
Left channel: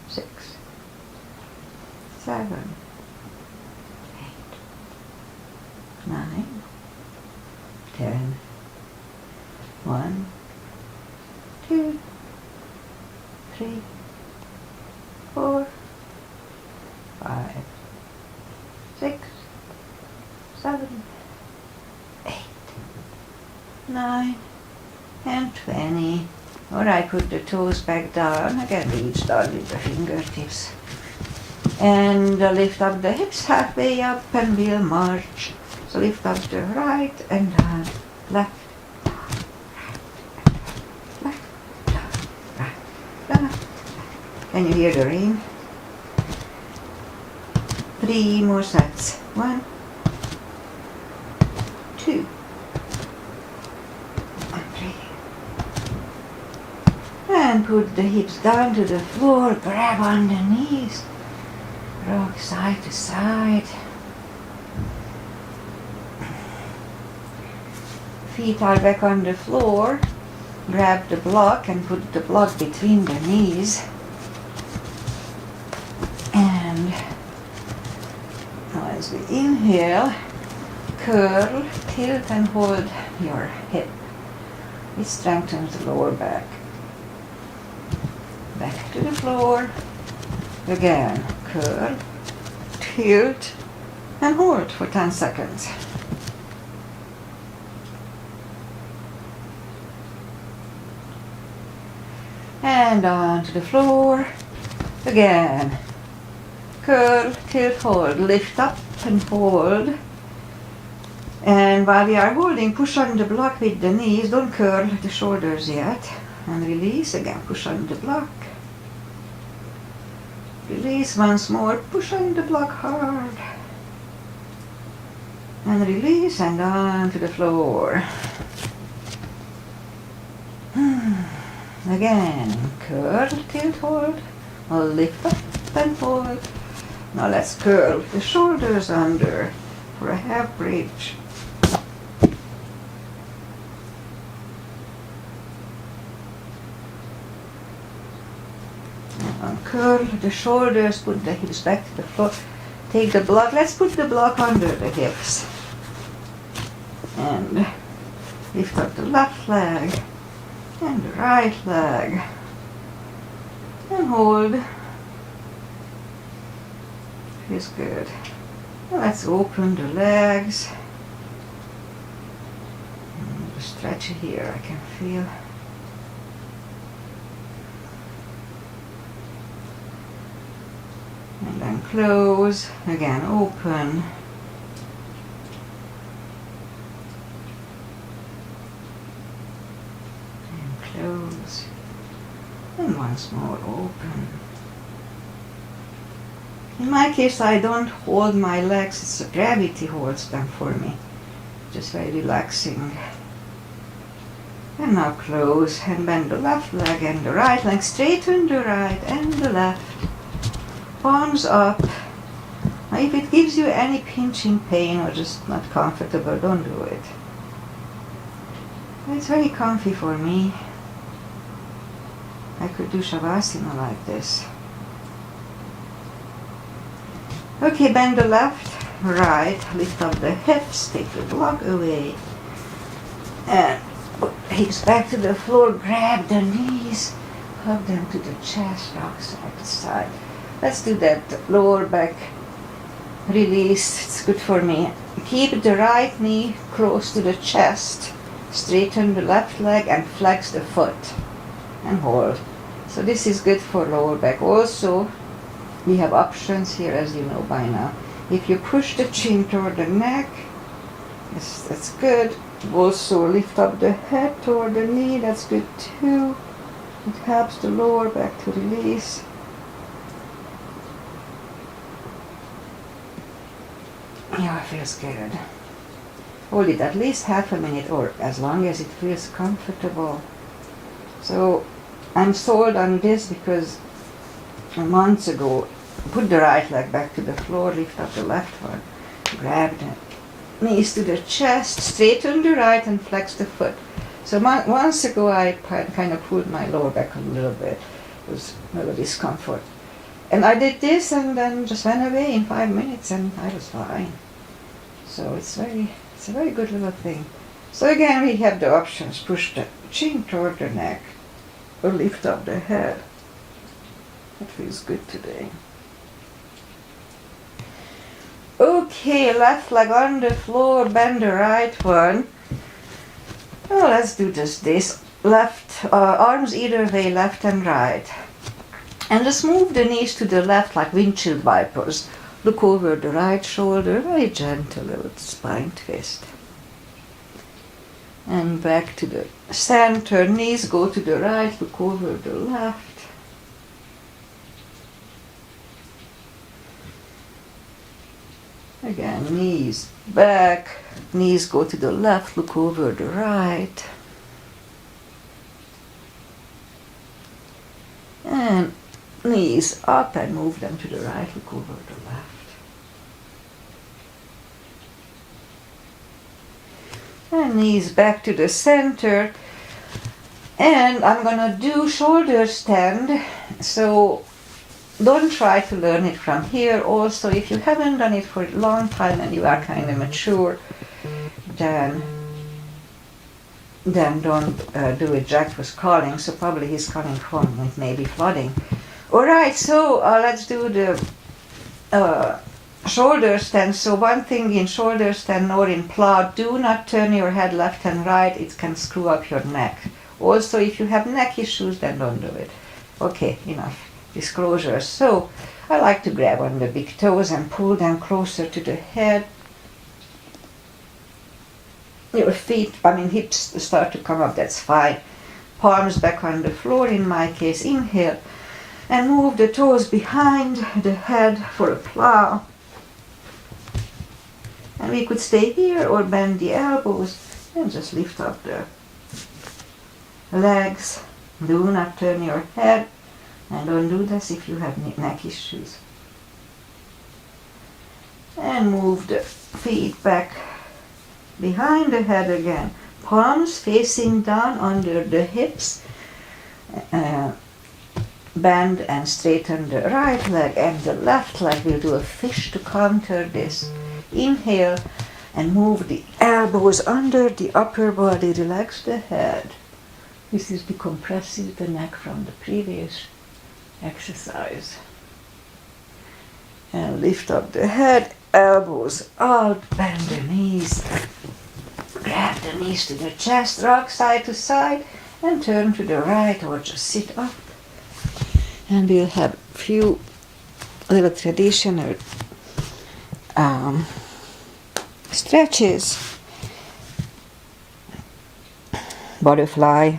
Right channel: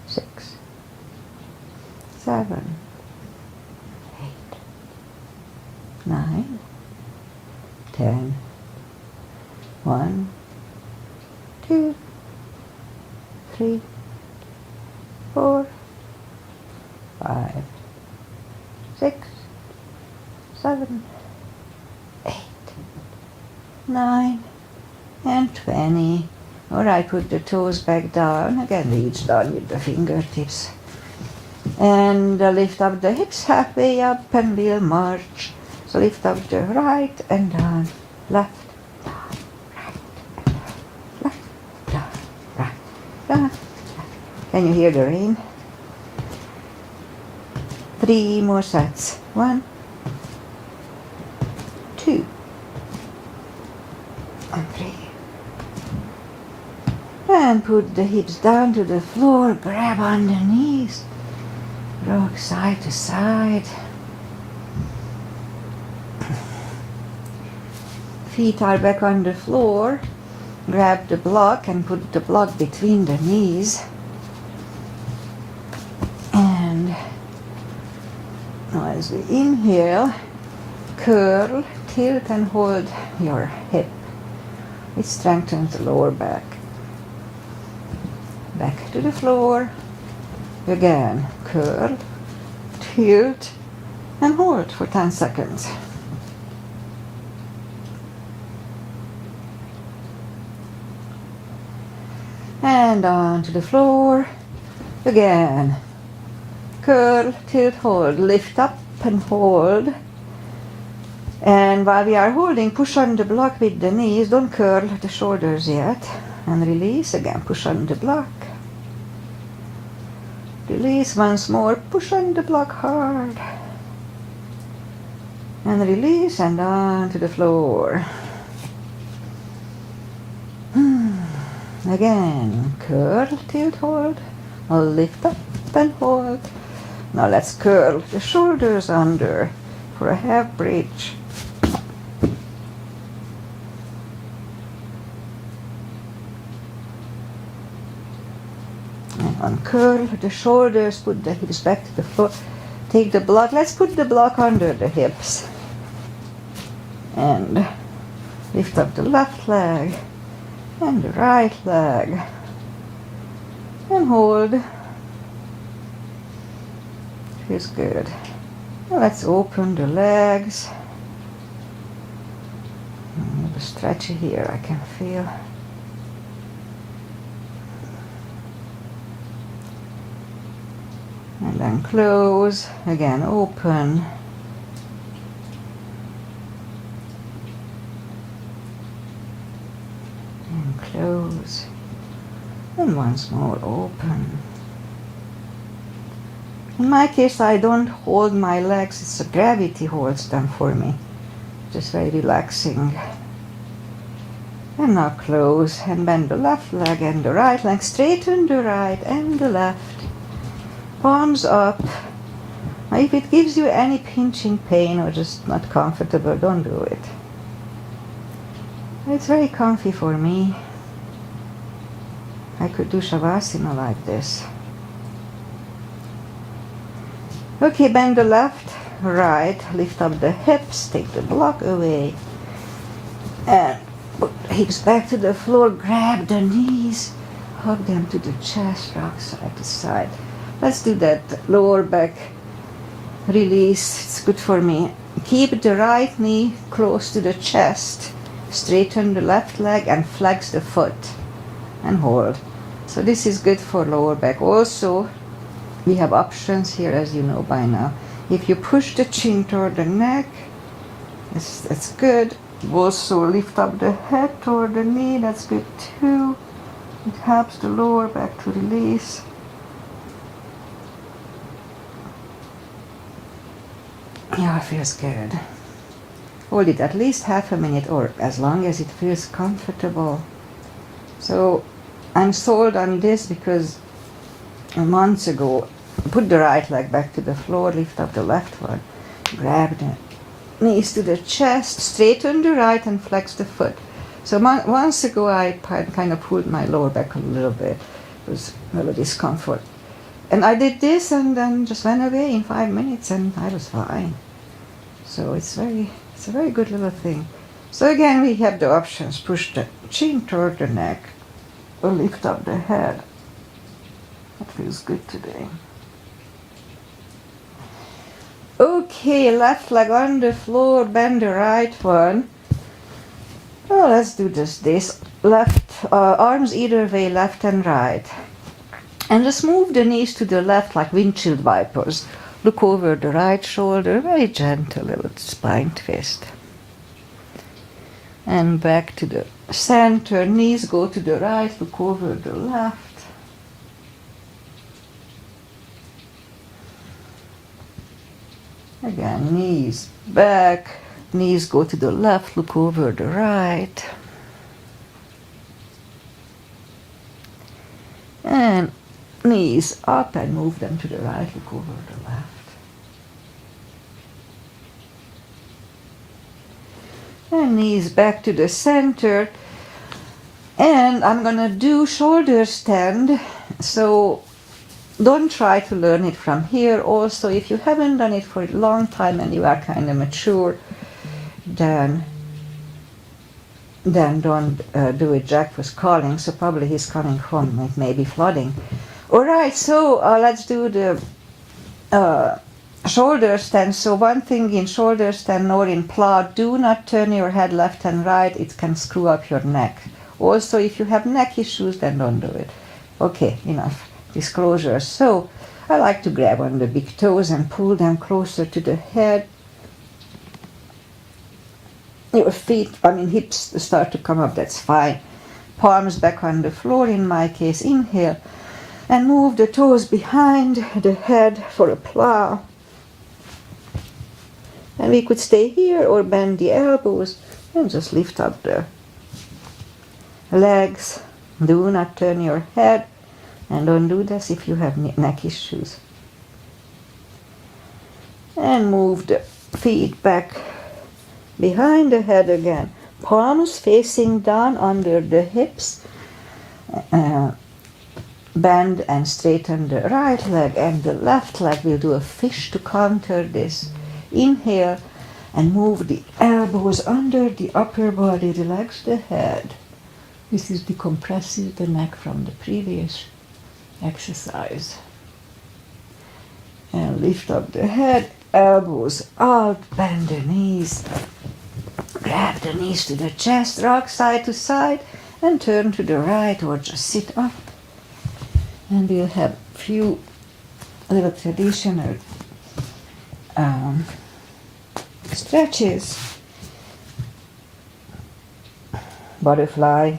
6, 7, 8, 9, 10. 1, 2, 3, 4, 5, 6, 7, 8, 9, and 20. Alright, put the toes back down. Again, reach down with the fingertips. And lift up the hips halfway up and we'll march. So lift up the right and down, left, can you hear the rain? 3 more sets. 1, 2, and 3. And put the hips down to the floor, grab on the knees, rock side to side. Feet are back on the floor. Grab the block and put the block between the knees. And now as we inhale, curl, tilt and hold your hip. It strengthens the lower back. Back to the floor. Again, curl, tilt and hold for 10 seconds. And onto the floor. Again. Curl, tilt, hold. Lift up and hold. And while we are holding, push on the block with the knees. Don't curl the shoulders yet. And release again. Push on the block. Release once more. Push on the block hard. And release and onto the floor. Again, curl, tilt, hold, or lift up and hold. Now let's curl the shoulders under for a half bridge. And uncurl the shoulders, put the hips back to the floor. Take the block, let's put the block under the hips. And lift up the left leg. And the right leg, and hold. Feels good. Well, let's open the legs. The stretch here I can feel. And then close, again open. And once more open. In my case, I don't hold my legs, it's the gravity holds them for me. Just very relaxing. And now close and bend the left leg and the right leg, straighten the right and the left. Palms up. If it gives you any pinching pain or just not comfortable, don't do it. It's very comfy for me. I could do Shavasana like this. Okay, bend the left, right, lift up the hips, take the block away, and put the hips back to the floor, grab the knees, hug them to the chest, rock side to side. Let's do that lower back release, it's good for me. Keep the right knee close to the chest, straighten the left leg and flex the foot and hold. So this is good for lower back. Also, we have options here, as you know by now. If you push the chin toward the neck, that's good. Also lift up the head toward the knee, that's good too. It helps the lower back to release. Yeah, it feels good. Hold it at least half a minute or as long as it feels comfortable. So I'm sold on this because months ago, put the right leg back to the floor, lift up the left one, grab the knees to the chest, straighten the right and flex the foot. So months ago I kind of pulled my lower back a little bit. It was a little discomfort. And I did this and then just went away in 5 minutes and I was fine. So it's a very good little thing. So again we have the options, push the chin toward the neck or lift up the head. That feels good today. Okay, left leg on the floor, bend the right one. Well, let's do just this. Left, arms either way, left and right. And just move the knees to the left like windshield wipers. Look over the right shoulder, very gentle little spine twist. And back to the center, knees go to the right, look over the left. Again, knees back, knees go to the left, look over the right. And knees up and move them to the right, look over the left. And knees back to the center. And I'm gonna do shoulder stand. So don't try to learn it from here. Also, if you haven't done it for a long time and you are kind of mature, then don't do it. Jack was calling, so probably he's coming home. It may be flooding. All right, so let's do the shoulder stand. So one thing in shoulder stand or in plow, do not turn your head left and right. It can screw up your neck. Also, if you have neck issues, then don't do it. Okay, enough disclosure. So I like to grab on the big toes and pull them closer to the head. Your feet, hips start to come up, that's fine. Palms back on the floor in my case. Inhale and move the toes behind the head for a plow. And we could stay here or bend the elbows and just lift up the legs. Do not turn your head and don't do this if you have neck issues. And move the feet back behind the head again. Palms facing down under the hips. Bend and straighten the right leg and the left leg. We'll do a fish to counter this. Inhale and move the elbows under the upper body. Relax the head. This is decompressing the neck from the previous exercise. And lift up the head, elbows out, bend the knees. Grab the knees to the chest, rock side to side, and turn to the right or just sit up. And we'll have a few little traditional stretches. Butterfly.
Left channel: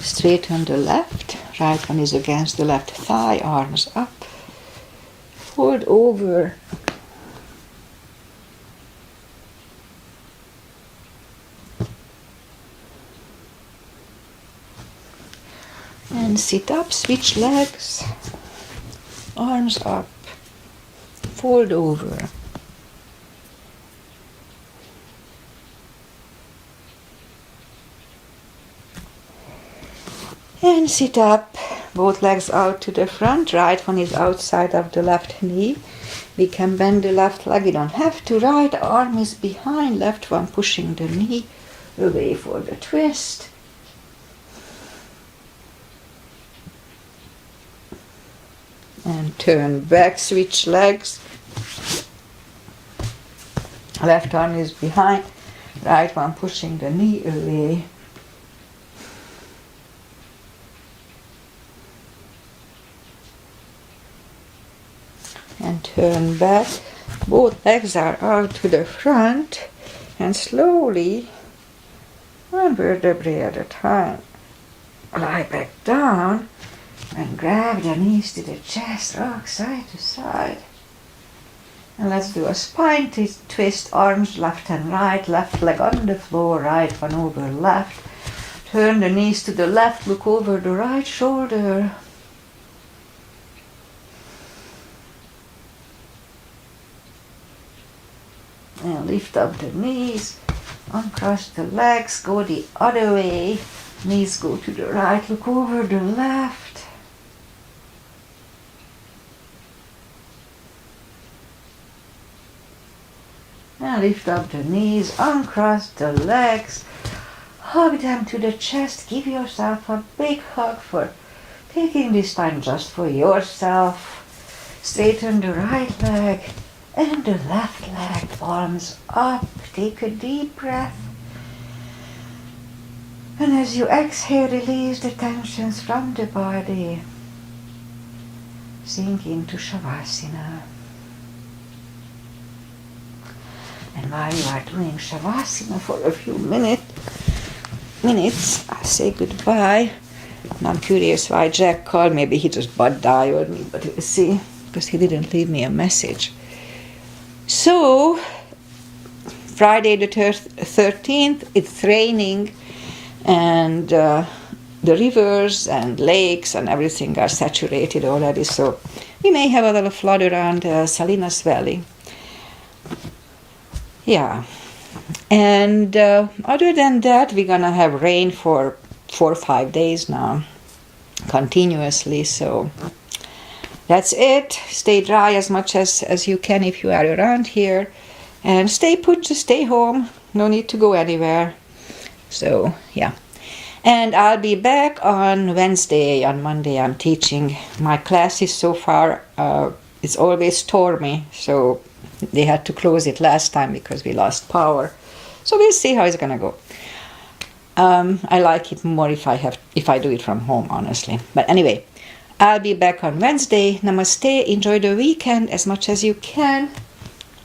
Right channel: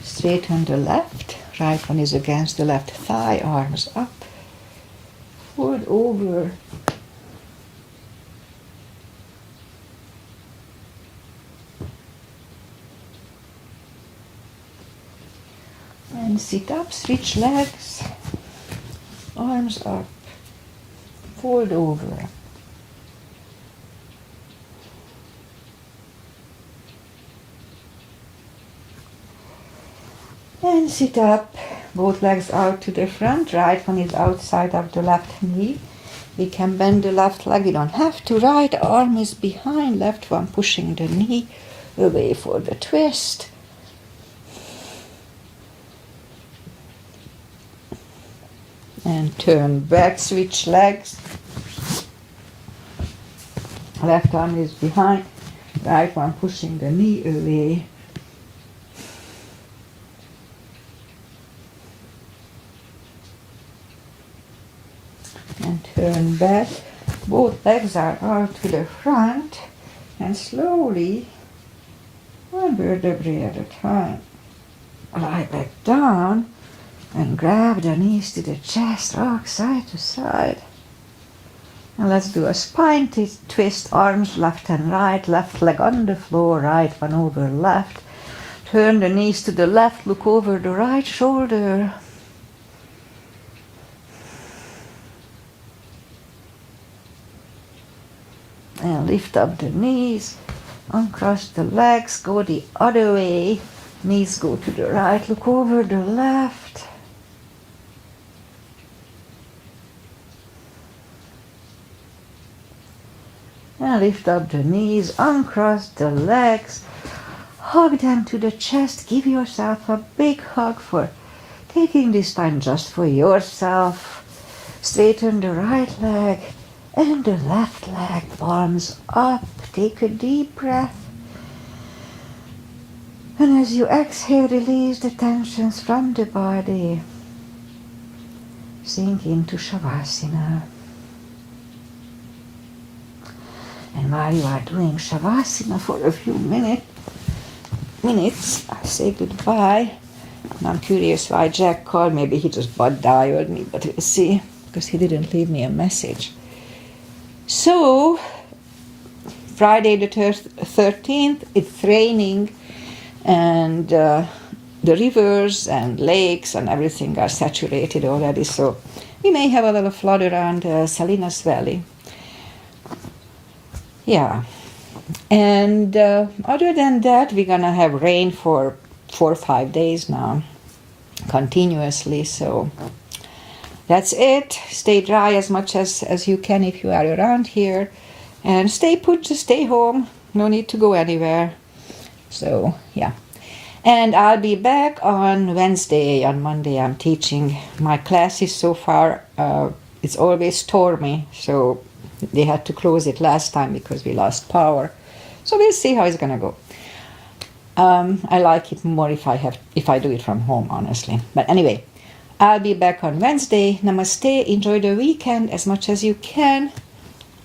Straighten the left. Right one is against the left thigh, arms up. Fold over. And sit up, switch legs. Arms up. Fold over. And sit up, both legs out to the front. Right one is outside of the left knee. We can bend the left leg, you don't have to. Right arm is behind, left one pushing the knee away for the twist. And turn back, switch legs. Left arm is behind, right one pushing the knee away. And turn back. Both legs are out to the front, and slowly, one vertebrae at a time, lie back down and grab the knees to the chest, rock side to side. And let's do a spine twist, arms left and right, left leg on the floor, right one over left. Turn the knees to the left, look over the right shoulder. And lift up the knees, uncross the legs, go the other way. Knees go to the right, look over the left. And lift up the knees, uncross the legs, hug them to the chest. Give yourself a big hug for taking this time just for yourself. Straighten the right leg and the left leg, arms up. Take a deep breath. And as you exhale, release the tensions from the body. Sink into Shavasana. And while you are doing Shavasana for a few minutes, I'll say goodbye. And I'm curious why Jack called. Maybe he just butt dialed me, but we'll see, because he didn't leave me a message. So, Friday the 13th, it's raining, and the rivers and lakes and everything are saturated already, so we may have a little flood around Salinas Valley. Yeah, and other than that, we're gonna have rain for 4 or 5 days now, continuously, so that's it. Stay dry as much as you can if you are around here, and stay put, just stay home, no need to go anywhere. So yeah, and I'll be back on Wednesday. On Monday I'm teaching. My classes so far, it's always stormy, so they had to close it last time because we lost power. So we'll see how it's gonna go. I like it more if I do it from home, honestly. But anyway, I'll be back on Wednesday. Namaste. Enjoy the weekend as much as you can.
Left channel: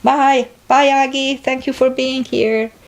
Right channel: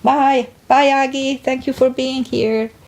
Bye. Bye, Aggie. Thank you for being here.